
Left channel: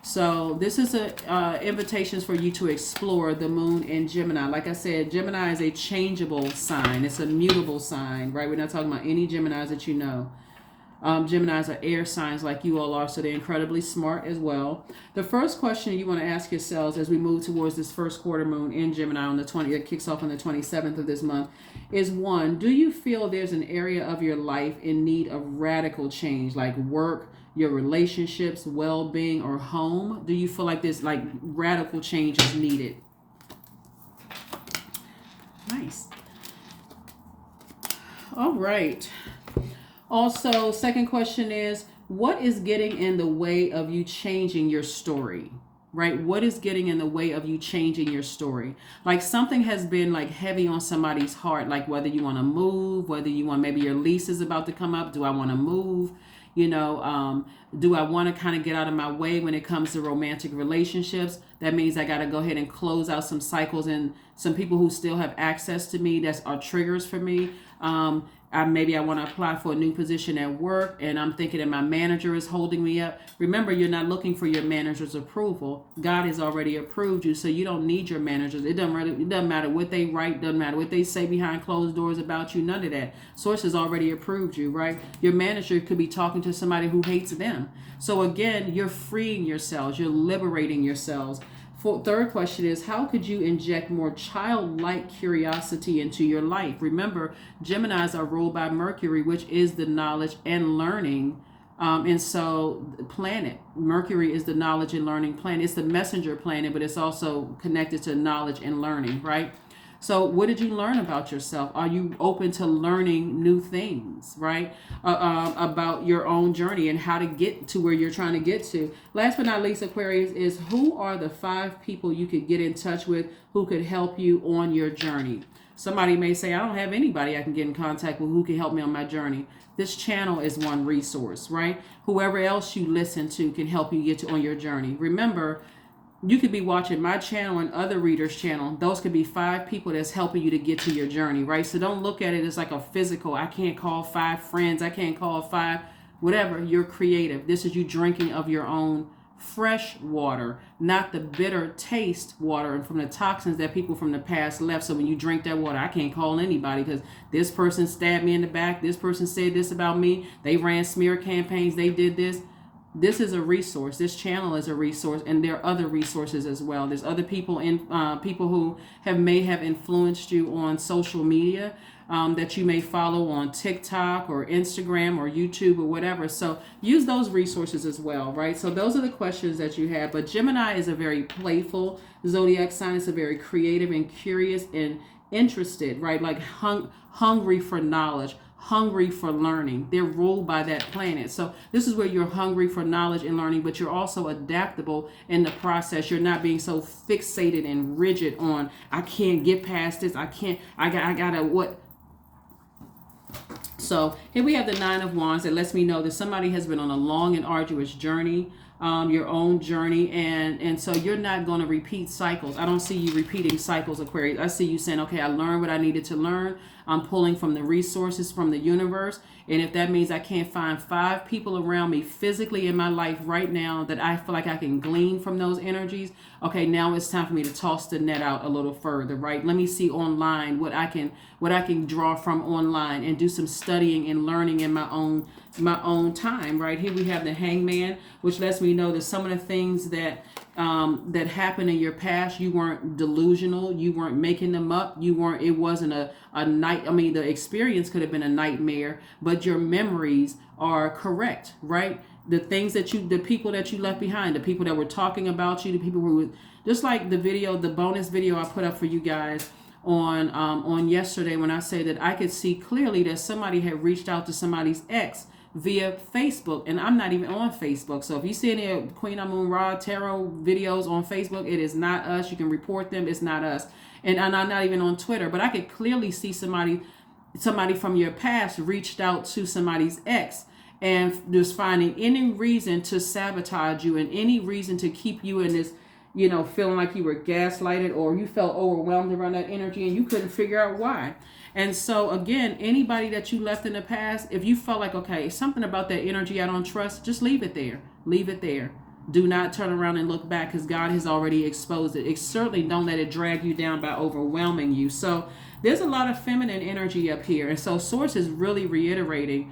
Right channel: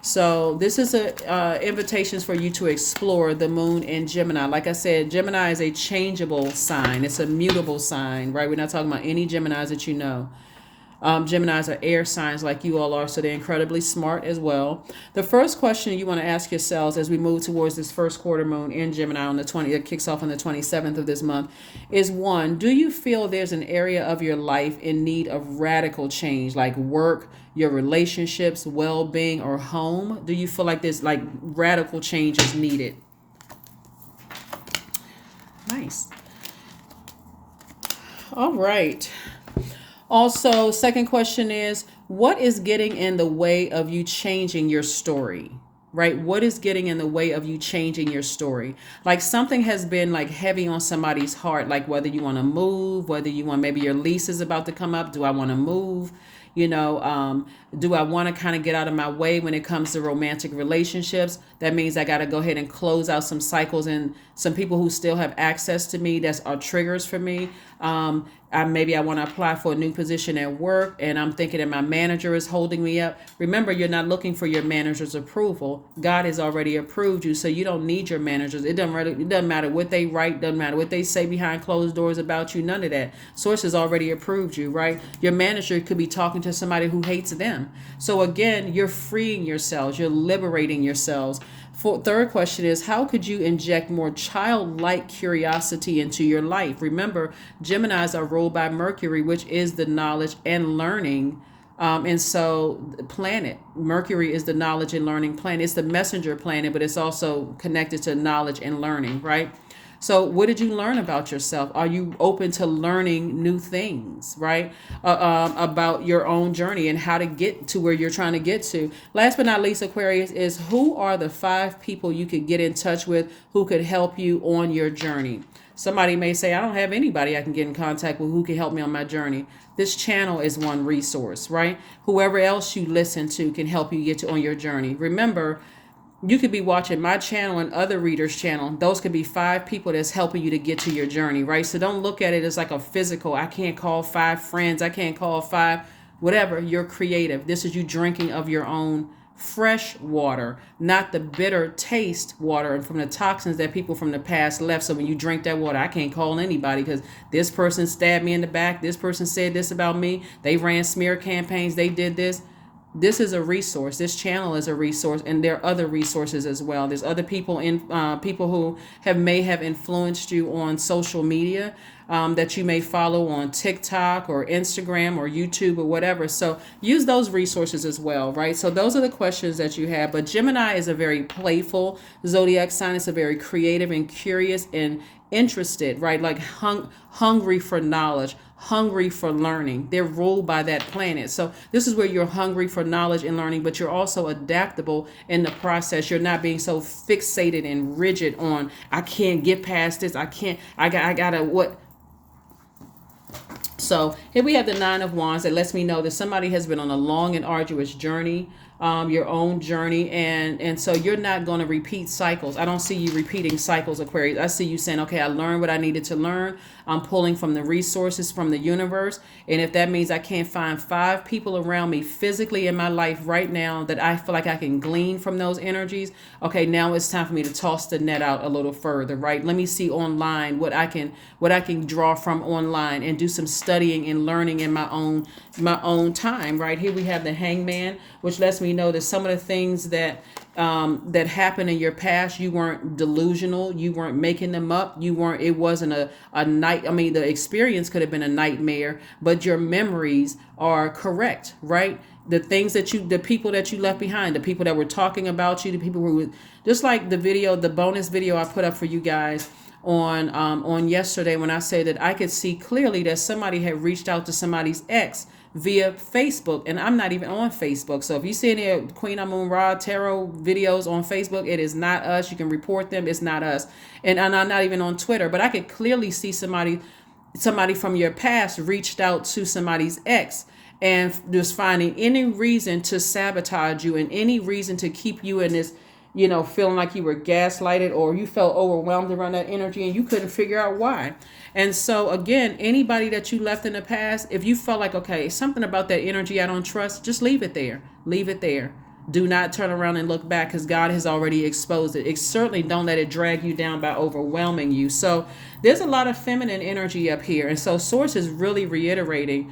So this is invitations for you to explore the moon in Gemini. Like I said, Gemini is a changeable sign. It's a mutable sign, right? We're not talking about any Geminis that you know. Geminis are air signs like you all are, so they're incredibly smart as well. The first question you want to ask yourselves as we move towards this first quarter moon in Gemini on the 20th, it kicks off on the 27th of this month, is one, do you feel there's an area of your life in need of radical change, like work, your relationships, well-being, or home? Do you feel like there's like radical change is needed? Nice. All right. Also, second question is, what is getting in the way of you changing your story? Right? What is getting in the way of you changing your story? Like something has been like heavy on somebody's heart, like whether you want to move, whether you want, maybe your lease is about to come up. Do I want to move? Do I want to kind of get out of my way when it comes to romantic relationships? That means I got to go ahead and close out some cycles and some people who still have access to me that are triggers for me. Maybe I want to apply for a new position at work and I'm thinking that my manager is holding me up. Remember, you're not looking for your manager's approval. God has already approved you, so you don't need your managers. It doesn't matter what they write, doesn't matter what they say behind closed doors about you, none of that. Source has already approved you, right? Your manager could be talking to somebody who hates them. So again, you're freeing yourselves, you're liberating yourselves Third question is, how could you inject more childlike curiosity into your life? Remember, Geminis are ruled by Mercury, which is the knowledge and learning. And so, planet Mercury is the knowledge and learning planet. It's the messenger planet, but it's also connected to knowledge and learning, right? So, what did you learn about yourself? Are you open to learning new things, right? About your own journey and how to get to where you're trying to get to. Last but not least, Aquarius, is who are the 5 people you could get in touch with who could help you on your journey? Somebody may say, I don't have anybody I can get in contact with who can help me on my journey. This channel is one resource, right? Whoever else you listen to can help you get to on your journey. Remember, you could be watching my channel and other readers' channel. Those could be 5 people that's helping you to get to your journey, right? So don't look at it as like a physical. I can't call 5 friends. I can't call 5, whatever. You're creative. This is you drinking of your own fresh water, not the bitter taste water and from the toxins that people from the past left. So when you drink that water, I can't call anybody because this person stabbed me in the back. This person said this about me. They ran smear campaigns. They did this. This is a resource. This channel is a resource, and there are other resources as well. There's other people people who may have influenced you on social media that you may follow on TikTok or Instagram or YouTube or whatever. So use those resources as well, right? So those are the questions that you have. But Gemini is a very playful zodiac sign. It's a very creative and curious and interested, right? Like hungry for knowledge, hungry for learning. They're ruled by that planet. So this is where you're hungry for knowledge and learning, but you're also adaptable in the process. You're not being so fixated and rigid on, I can't get past this. I gotta what? So here we have the 9 of Wands that lets me know that somebody has been on a long and arduous journey, your own journey, and so you're not going to repeat cycles. I don't see you repeating cycles, Aquarius. I see you saying, okay, I learned what I needed to learn. I'm pulling from the resources from the universe. And if that means I can't find 5 people around me physically in my life right now that I feel like I can glean from those energies, okay, now it's time for me to toss the net out a little further, right? Let me see online what I can draw from online and do some studying and learning in my own time, right? Here we have the Hangman, which lets me know that some of the things that happened in your past, you weren't delusional, you weren't making them up, it wasn't a night. I mean, the experience could have been a nightmare, but your memories are correct, right? The things the people that you left behind, the people that were talking about you, the people who, just like the bonus video I put up for you guys on yesterday, when I say that I could see clearly that somebody had reached out to somebody's ex via Facebook, and I'm not even on Facebook. So if you see any Queen Amun Ra tarot videos on Facebook, it is not us. You can report them. It's not us. And I'm not even on Twitter, but I could clearly see somebody from your past reached out to somebody's ex and just finding any reason to sabotage you and any reason to keep you in this, feeling like you were gaslighted or you felt overwhelmed around that energy and you couldn't figure out why. And so again, anybody that you left in the past, if you felt like, okay, something about that energy I don't trust, just leave it there. Leave it there. Do not turn around and look back because God has already exposed it. Certainly don't let it drag you down by overwhelming you. So there's a lot of feminine energy up here. And so Source is really reiterating,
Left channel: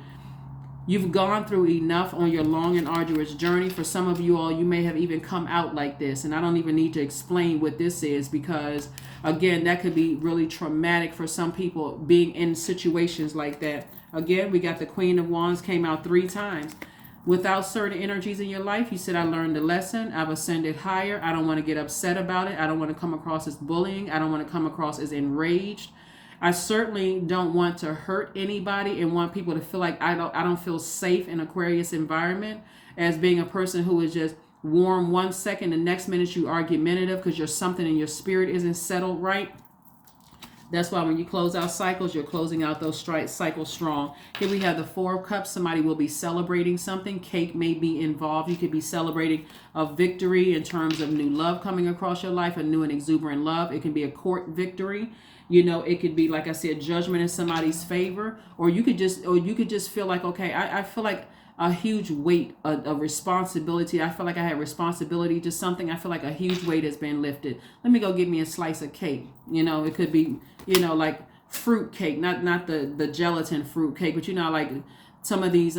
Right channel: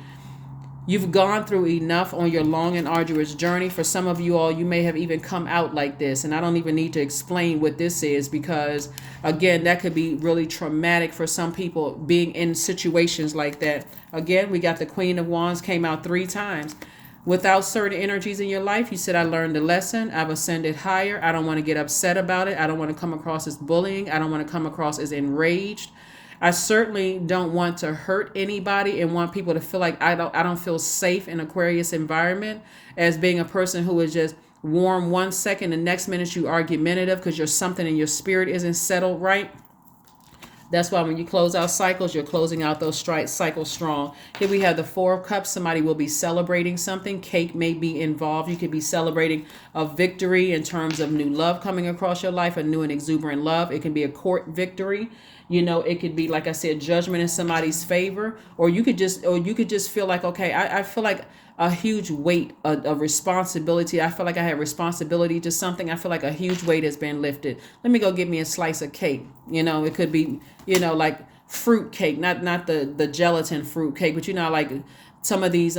you've gone through enough on your long and arduous journey. For some of you all, you may have even come out like this. And I don't even need to explain what this is because, again, that could be really traumatic for some people being in situations like that. Again, we got the Queen of Wands came out 3 times. Without certain energies in your life, you said, I learned a lesson. I've ascended higher. I don't want to get upset about it. I don't want to come across as bullying. I don't want to come across as enraged. I certainly don't want to hurt anybody and want people to feel like I don't feel safe in Aquarius environment as being a person who is just warm 1 second, the next minute you argumentative because you're something in your spirit isn't settled right. That's why when you close out cycles, you're closing out those cycles strong. Here we have the 4 of Cups. Somebody will be celebrating something. Cake may be involved. You could be celebrating a victory in terms of new love coming across your life, a new and exuberant love. It can be a court victory. It could be, like I said, judgment in somebody's favor, or you could just feel like, okay, I feel like a huge weight of responsibility. I feel like I have responsibility to something. I feel like a huge weight has been lifted. Let me go get me a slice of cake. It could be, like fruit cake, not the gelatin fruit cake, but like some of these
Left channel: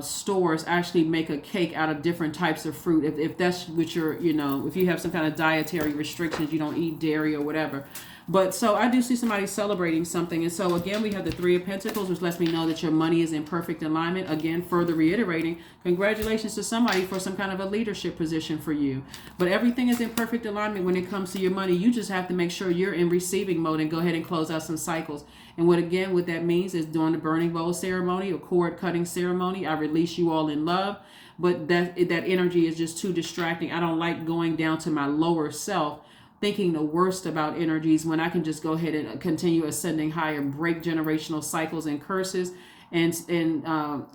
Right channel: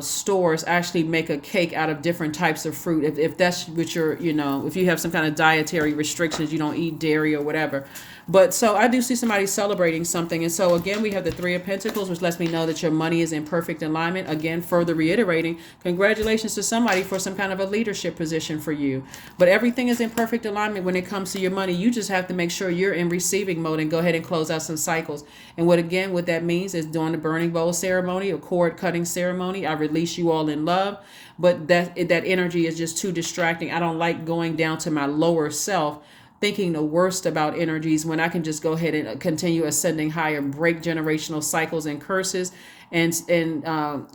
stores actually make a cake out of different types of fruit. If that's what you're, if you have some kind of dietary restrictions, you don't eat dairy or whatever. But so I do see somebody celebrating something. And so again, we have the Three of Pentacles, which lets me know that your money is in perfect alignment. Again, further reiterating, congratulations to somebody for some kind of a leadership position for you. But everything is in perfect alignment when it comes to your money. You just have to make sure you're in receiving mode and go ahead and close out some cycles. And what that means is during the burning bowl ceremony or cord cutting ceremony, I release you all in love. But that energy is just too distracting. I don't like going down to my lower self thinking the worst about energies when I can just go ahead and continue ascending higher, break generational cycles and curses, and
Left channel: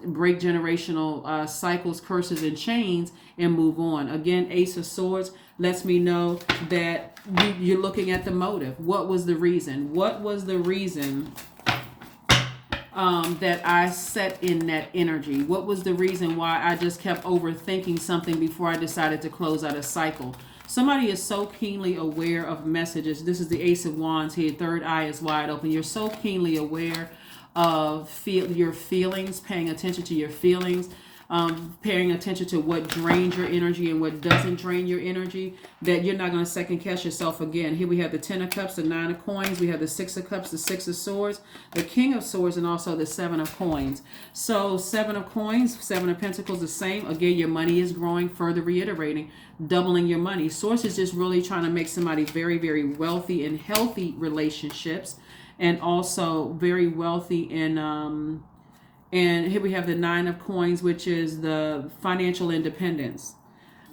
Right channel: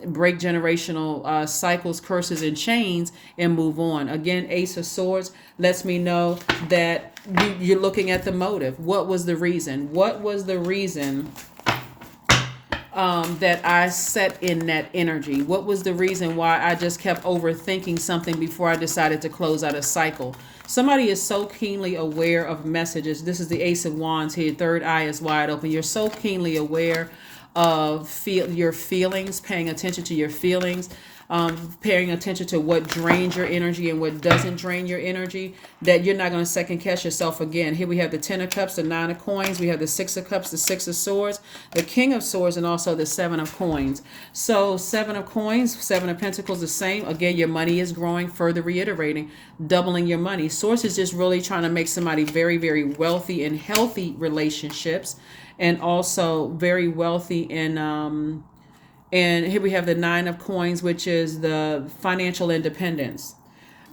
break generational cycles, curses, and chains, and move on. Again, Ace of Swords lets me know that you're looking at the motive. What was the reason? What was the reason that I set in that energy? What was the reason why I just kept overthinking something before I decided to close out a cycle? Somebody is so keenly aware of messages. This is the Ace of Wands here. Third eye is wide open. You're so keenly aware of your feelings, paying attention to your feelings, paying attention to what drains your energy and what doesn't drain your energy, that you're not going to second guess yourself again. Here we have the Ten of Cups, the Nine of Coins. We have the Six of Cups, the Six of Swords, the King of Swords, and also the Seven of Coins. So Seven of Coins, Seven of Pentacles, the same. Again, your money is growing, further reiterating, doubling your money. Source is just really trying to make somebody very, very wealthy in healthy relationships, and also very wealthy in and here we have the Nine of Coins, which is the financial independence.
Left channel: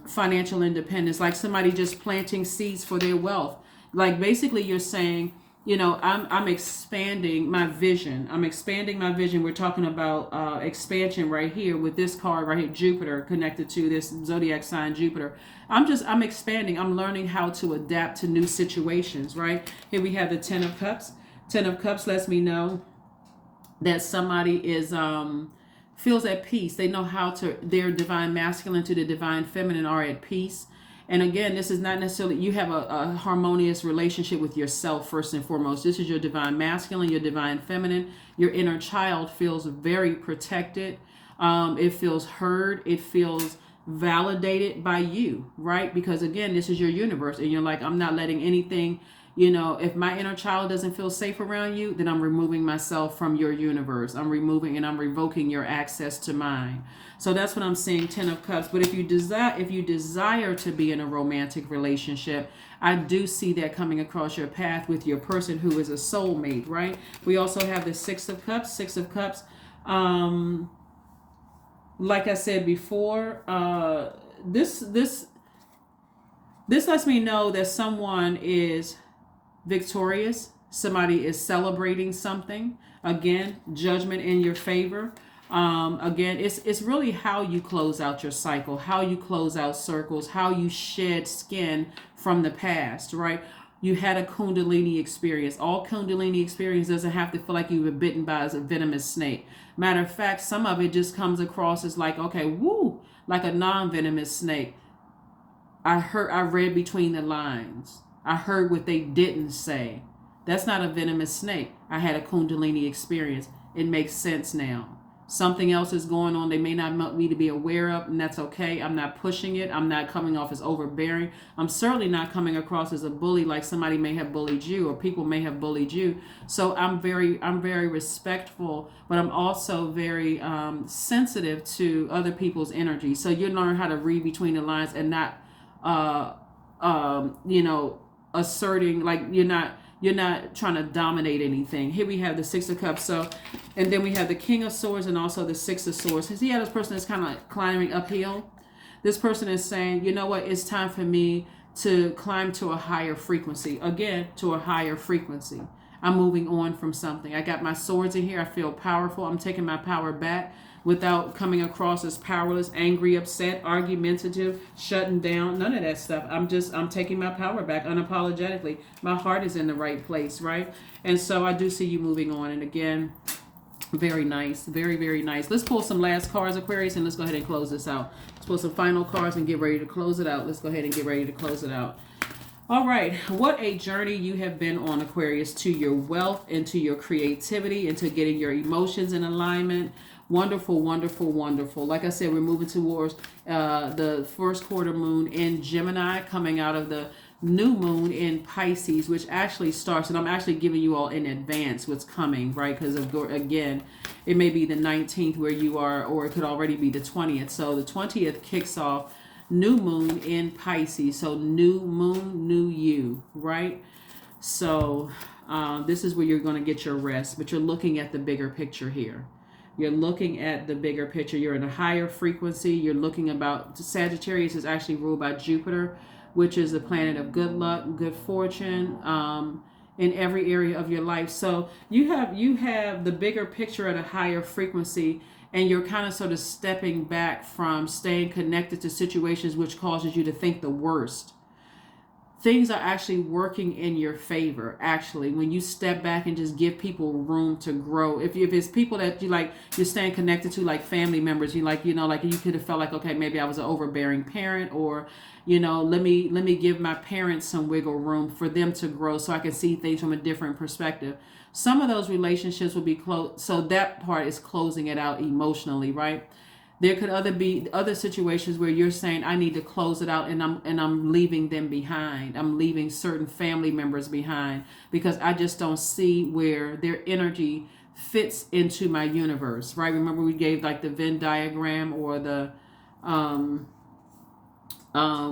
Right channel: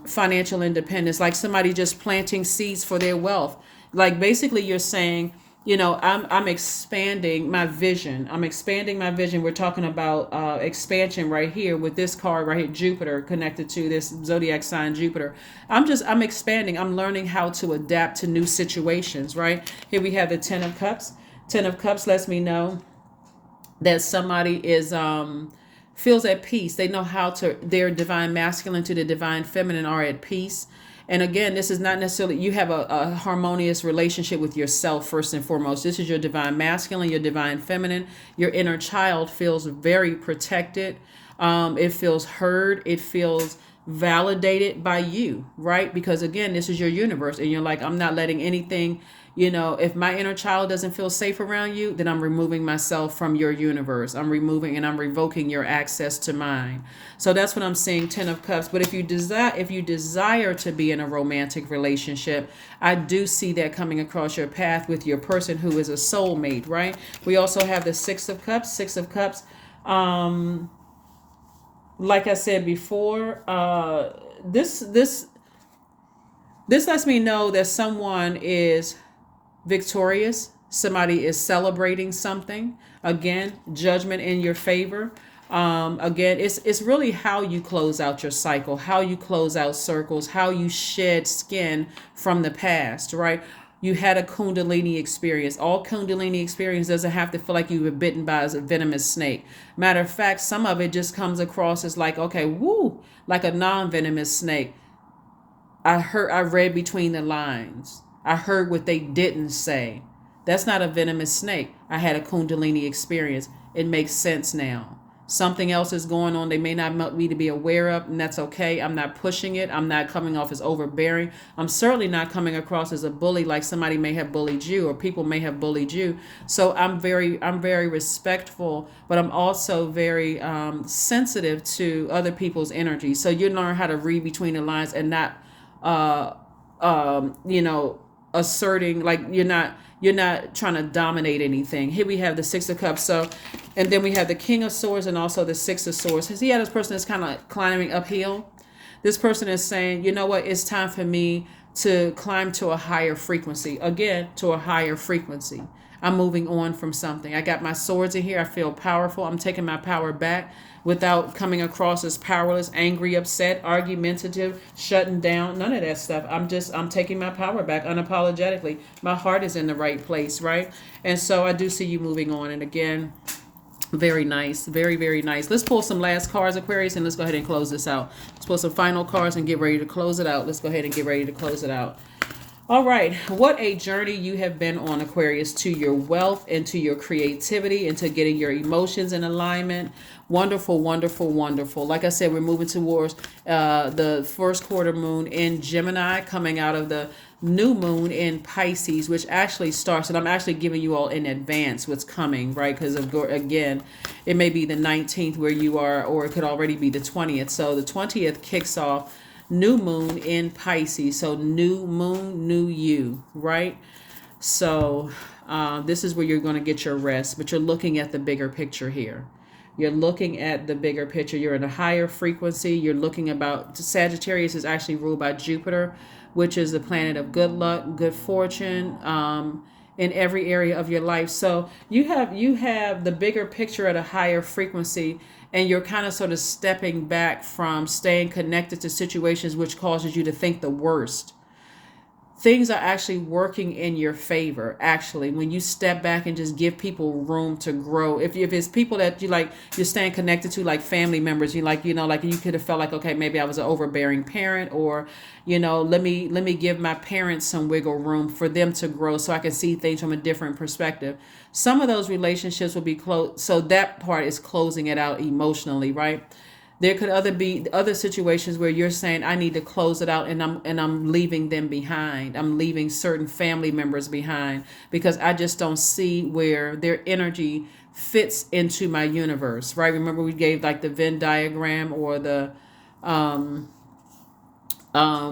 Financial independence, like somebody just planting seeds for their wealth. Like basically you're saying, I'm expanding my vision. I'm expanding my vision. We're talking about expansion right here with this card right here, Jupiter, connected to this zodiac sign, Jupiter. I'm expanding. I'm learning how to adapt to new situations, right? Here we have the Ten of Cups. Ten of Cups lets me know that somebody is feels at peace. They know how to, their divine masculine to the divine feminine are at peace. And again, this is not necessarily, you have a harmonious relationship with yourself first and foremost. This is your divine masculine, your divine feminine. Your inner child feels very protected. It feels heard. It feels validated by you, right? Because again, this is your universe and you're like, I'm not letting anything, if my inner child doesn't feel safe around you, then I'm removing myself from your universe. I'm removing and I'm revoking your access to mine. So that's what I'm saying, Ten of Cups. But if you desire to be in a romantic relationship, I do see that coming across your path with your person who is a soulmate, right? We also have the Six of Cups. Six of Cups, like I said before, this lets me know that someone is victorious. Somebody is celebrating something. Again, judgment in your favor. Again, it's really how you close out your cycle, how you close out circles, how you shed skin from the past, right? You had a Kundalini experience. All Kundalini experience doesn't have to feel like you were bitten by a venomous snake. Matter of fact, some of it just comes across as like, okay, woo, like a non-venomous snake. I read between the lines. I heard what they didn't say. That's not a venomous snake. I had a Kundalini experience. It makes sense now. Something else is going on they may not want me to be aware of, and that's okay. I'm not pushing it. I'm not coming off as overbearing. I'm certainly not coming across as a bully like somebody may have bullied you or people may have bullied you. So I'm very respectful, but I'm also very sensitive to other people's energy. So you learn how to read between the lines and not asserting, like you're not trying to dominate anything. Here we have the Six of Cups. So, and then we have the King of Swords and also the Six of Swords. Has he had this person that's kind of climbing uphill? This person is saying, you know what, it's time for me to climb to a higher frequency. Again, to a higher frequency. I'm moving on from something. I got my swords in here. I feel powerful. I'm taking my power back without coming across as powerless, angry, upset, argumentative, shutting down, none of that stuff. I'm taking my power back unapologetically. My heart is in the right place, right? And so I do see you moving on. And again, very nice, very, very nice. Let's pull some last cards, Aquarius, and let's go ahead and close this out. Let's pull some final cards and get ready to close it out. Let's go ahead and get ready to close it out. All right, what a journey you have been on, Aquarius, to your wealth and to your creativity and to getting your emotions in alignment Wonderful, wonderful, wonderful. Like I said, we're moving towards the first quarter moon in Gemini, coming out of the new moon in Pisces, which actually starts, and I'm actually giving you all in advance what's coming, right? Because again, it may be the 19th where you are, or it could already be the 20th. So the 20th kicks off new moon in Pisces. So new moon, new you, right? So this is where you're going to get your rest, but you're looking at the bigger picture here. You're looking at the bigger picture. You're in a higher frequency. You're looking about, Sagittarius is actually ruled by Jupiter, which is the planet of good luck, good fortune, in every area of your life. So you have the bigger picture at a higher frequency, and you're kind of sort of stepping back from staying connected to situations which causes you to think the worst. Things are actually working in your favor, actually, when you step back and just give people room to grow. If it's people that you're staying connected to, like family members, like you could have felt like, okay, maybe I was an overbearing parent, or let me give my parents some wiggle room for them to grow so I can see things from a different perspective. Some of those relationships will be close, so that part is closing it out emotionally, right? There could be other situations where you're saying, I need to close it out, and I'm leaving them behind. I'm leaving certain family members behind because I just don't see where their energy fits into my universe, right? Remember we gave like the Venn diagram, or the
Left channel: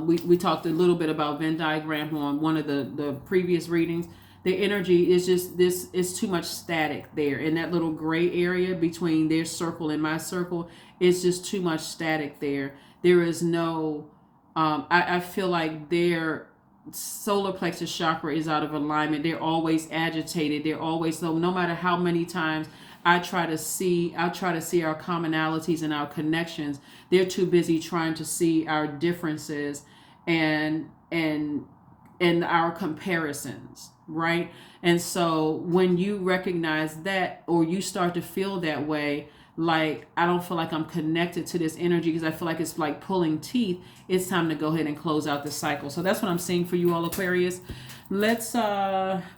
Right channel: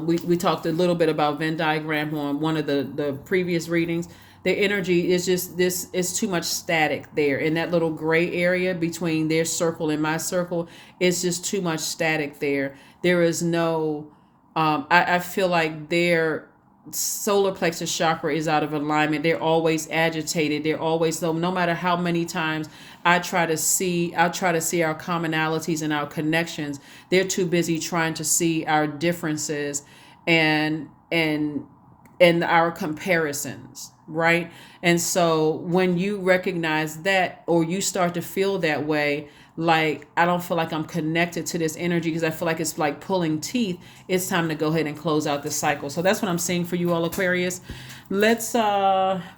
we talked a little bit about Venn diagram on one of the previous readings. Their energy is just this is too much static there in that little gray area between their circle and my circle. It's just too much static there. There is no I feel like their solar plexus chakra is out of alignment. They're always agitated. They're always, no matter how many times I try to see our commonalities and our connections, they're too busy trying to see our differences and our comparisons, right? And so when you recognize that, or you start to feel that way, like I don't feel like I'm connected to this energy because I feel like it's like pulling teeth, it's time to go ahead and close out the cycle. So that's what I'm seeing for you all, Aquarius. Let's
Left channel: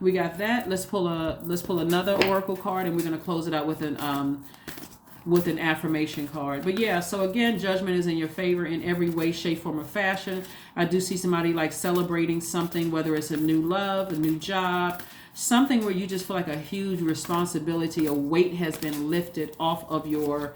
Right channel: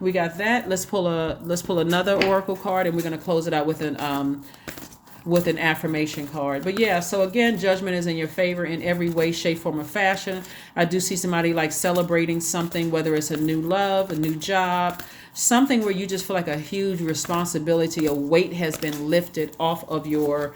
we got that. Let's pull another oracle card, and we're going to close it out with an affirmation card. But yeah, so again, judgment is in your favor in every way, shape, form, or fashion. I do see somebody like celebrating something, whether it's a new love, a new job, something where you just feel like a huge responsibility, a weight has been lifted off of your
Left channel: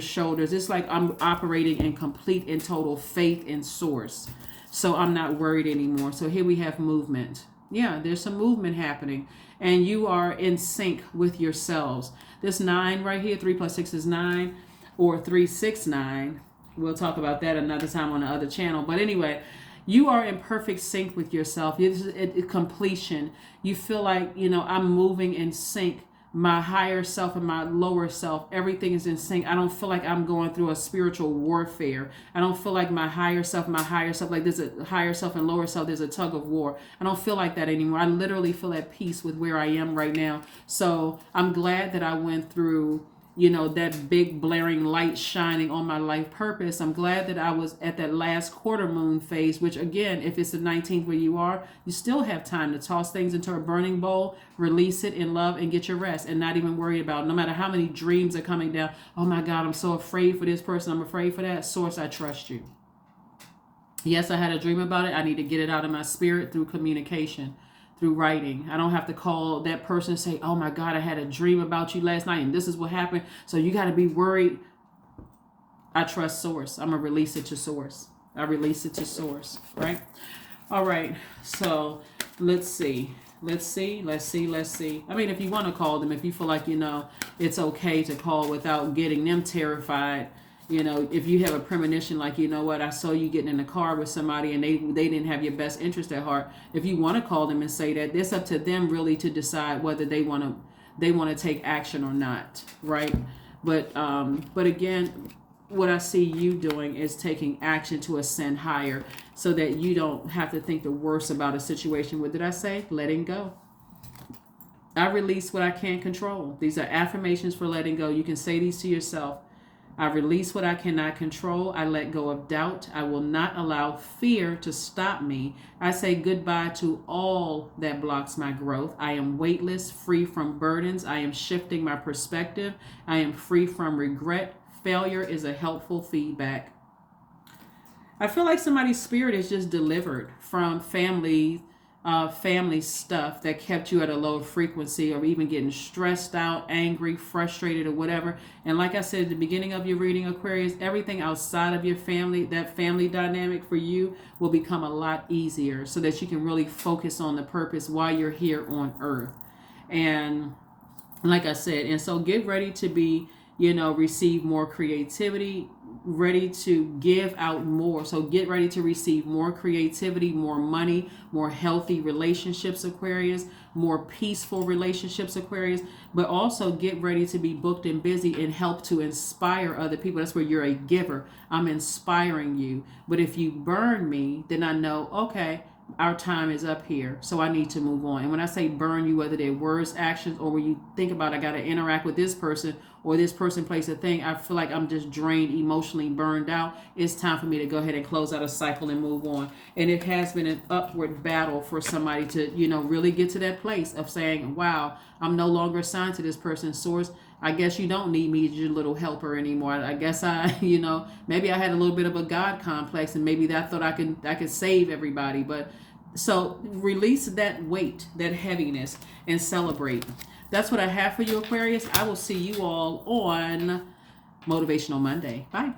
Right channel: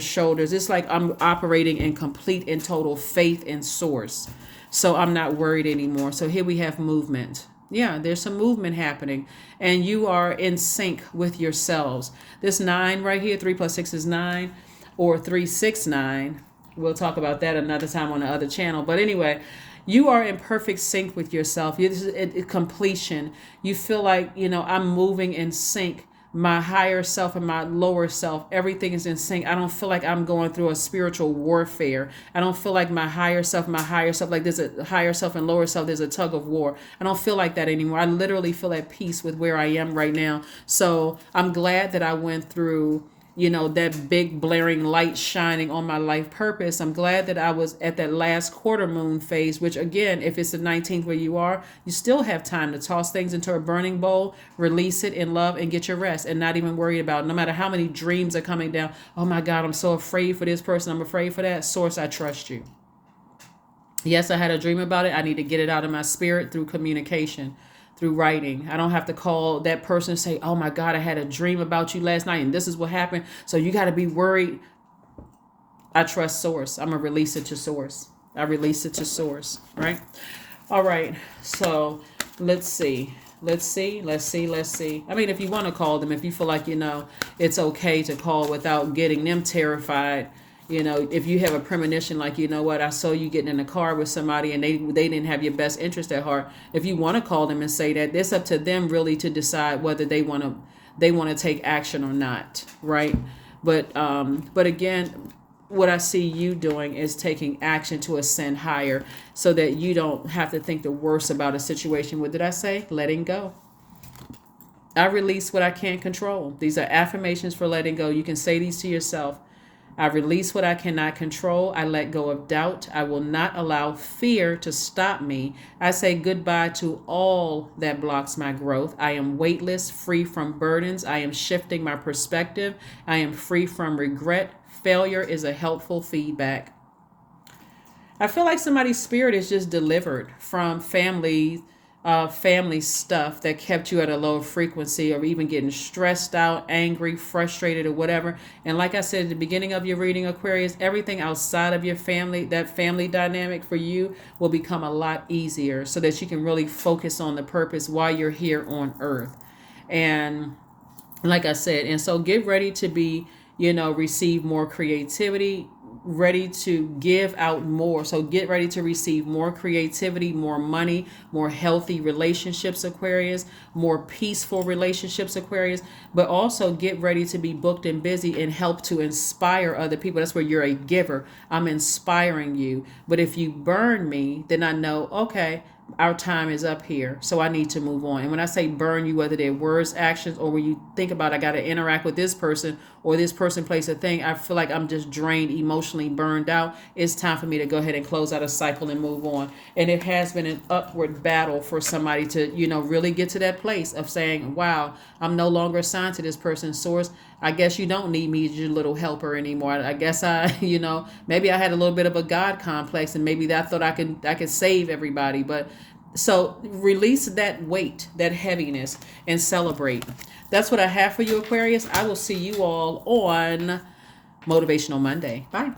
shoulders. It's like I'm operating in complete and total faith in source. So I'm not worried anymore. So here we have movement. Yeah, there's some movement happening, and you are in sync with yourselves. This 9 right here, 3 plus 6 is 9, or 369. We'll talk about that another time on the other channel. But anyway, you are in perfect sync with yourself. This is completion. You feel like, I'm moving in sync. My higher self and my lower self, everything is in sync. I don't feel like I'm going through a spiritual warfare. I don't feel like my higher self, like there's a higher self and lower self, there's a tug of war. I don't feel like that anymore. I literally feel at peace with where I am right now. So I'm glad that I went through, that big blaring light shining on my life purpose. I'm glad that I was at that last quarter moon phase, which again, if it's the 19th where you are, you still have time to toss things into a burning bowl, release it in love, and get your rest, and not even worry about it. No matter how many dreams are coming down. Oh my God, I'm so afraid for this person. I'm afraid for that. Source, I trust you. Yes, I had a dream about it. I need to get it out of my spirit through communication, through writing. I don't have to call that person and say, oh my God, I had a dream about you last night and this is what happened, so you got to be worried. I trust source. I'm going to release it to source. I release it to source, right? All right. So let's see. I mean, if you want to call them, if you feel like, it's okay to call without getting them terrified. If you have a premonition, like, I saw you getting in a car with somebody and they didn't have your best interest at heart. If you want to call them and say that, it's up to them really to decide whether they want to take action or not, right? But again, what I see you doing is taking action to ascend higher, so that you don't have to think the worst about a situation. What did I say? Letting go. I release what I can't control. These are affirmations for letting go. You can say these to yourself. I release what I cannot control. I let go of doubt. I will not allow fear to stop me. I say goodbye to all that blocks my growth. I am weightless, free from burdens. I am shifting my perspective. I am free from regret. Failure is a helpful feedback. I feel like somebody's spirit is just delivered from family stuff that kept you at a low frequency, or even getting stressed out, angry, frustrated, or whatever. And like I said at the beginning of your reading, Aquarius, everything outside of your family, that family dynamic for you will become a lot easier, so that you can really focus on the purpose while you're here on earth. And like I said, and so get ready to be, receive more creativity, ready to give out more. So get ready to receive more creativity, more money, more healthy relationships, Aquarius, more peaceful relationships, Aquarius, but also get ready to be booked and busy and help to inspire other people. That's where you're a giver. I'm inspiring you. But if you burn me, then I know, okay, our time is up here, so I need to move on. And when I say burn you, whether they're words, actions, or when you think about I got to interact with this person, or this person plays a thing, I feel like I'm just drained, emotionally burned out. It's time for me to go ahead and close out a cycle and move on. And it has been an upward battle for somebody to, really get to that place of saying, wow, I'm no longer assigned to this person's source. I guess you don't need me as your little helper anymore. I guess maybe I had a little bit of a God complex, and maybe that I thought I could save everybody. But so release that weight, that heaviness, and celebrate. That's what I have for you, Aquarius. I will see you all on Motivational Monday. Bye.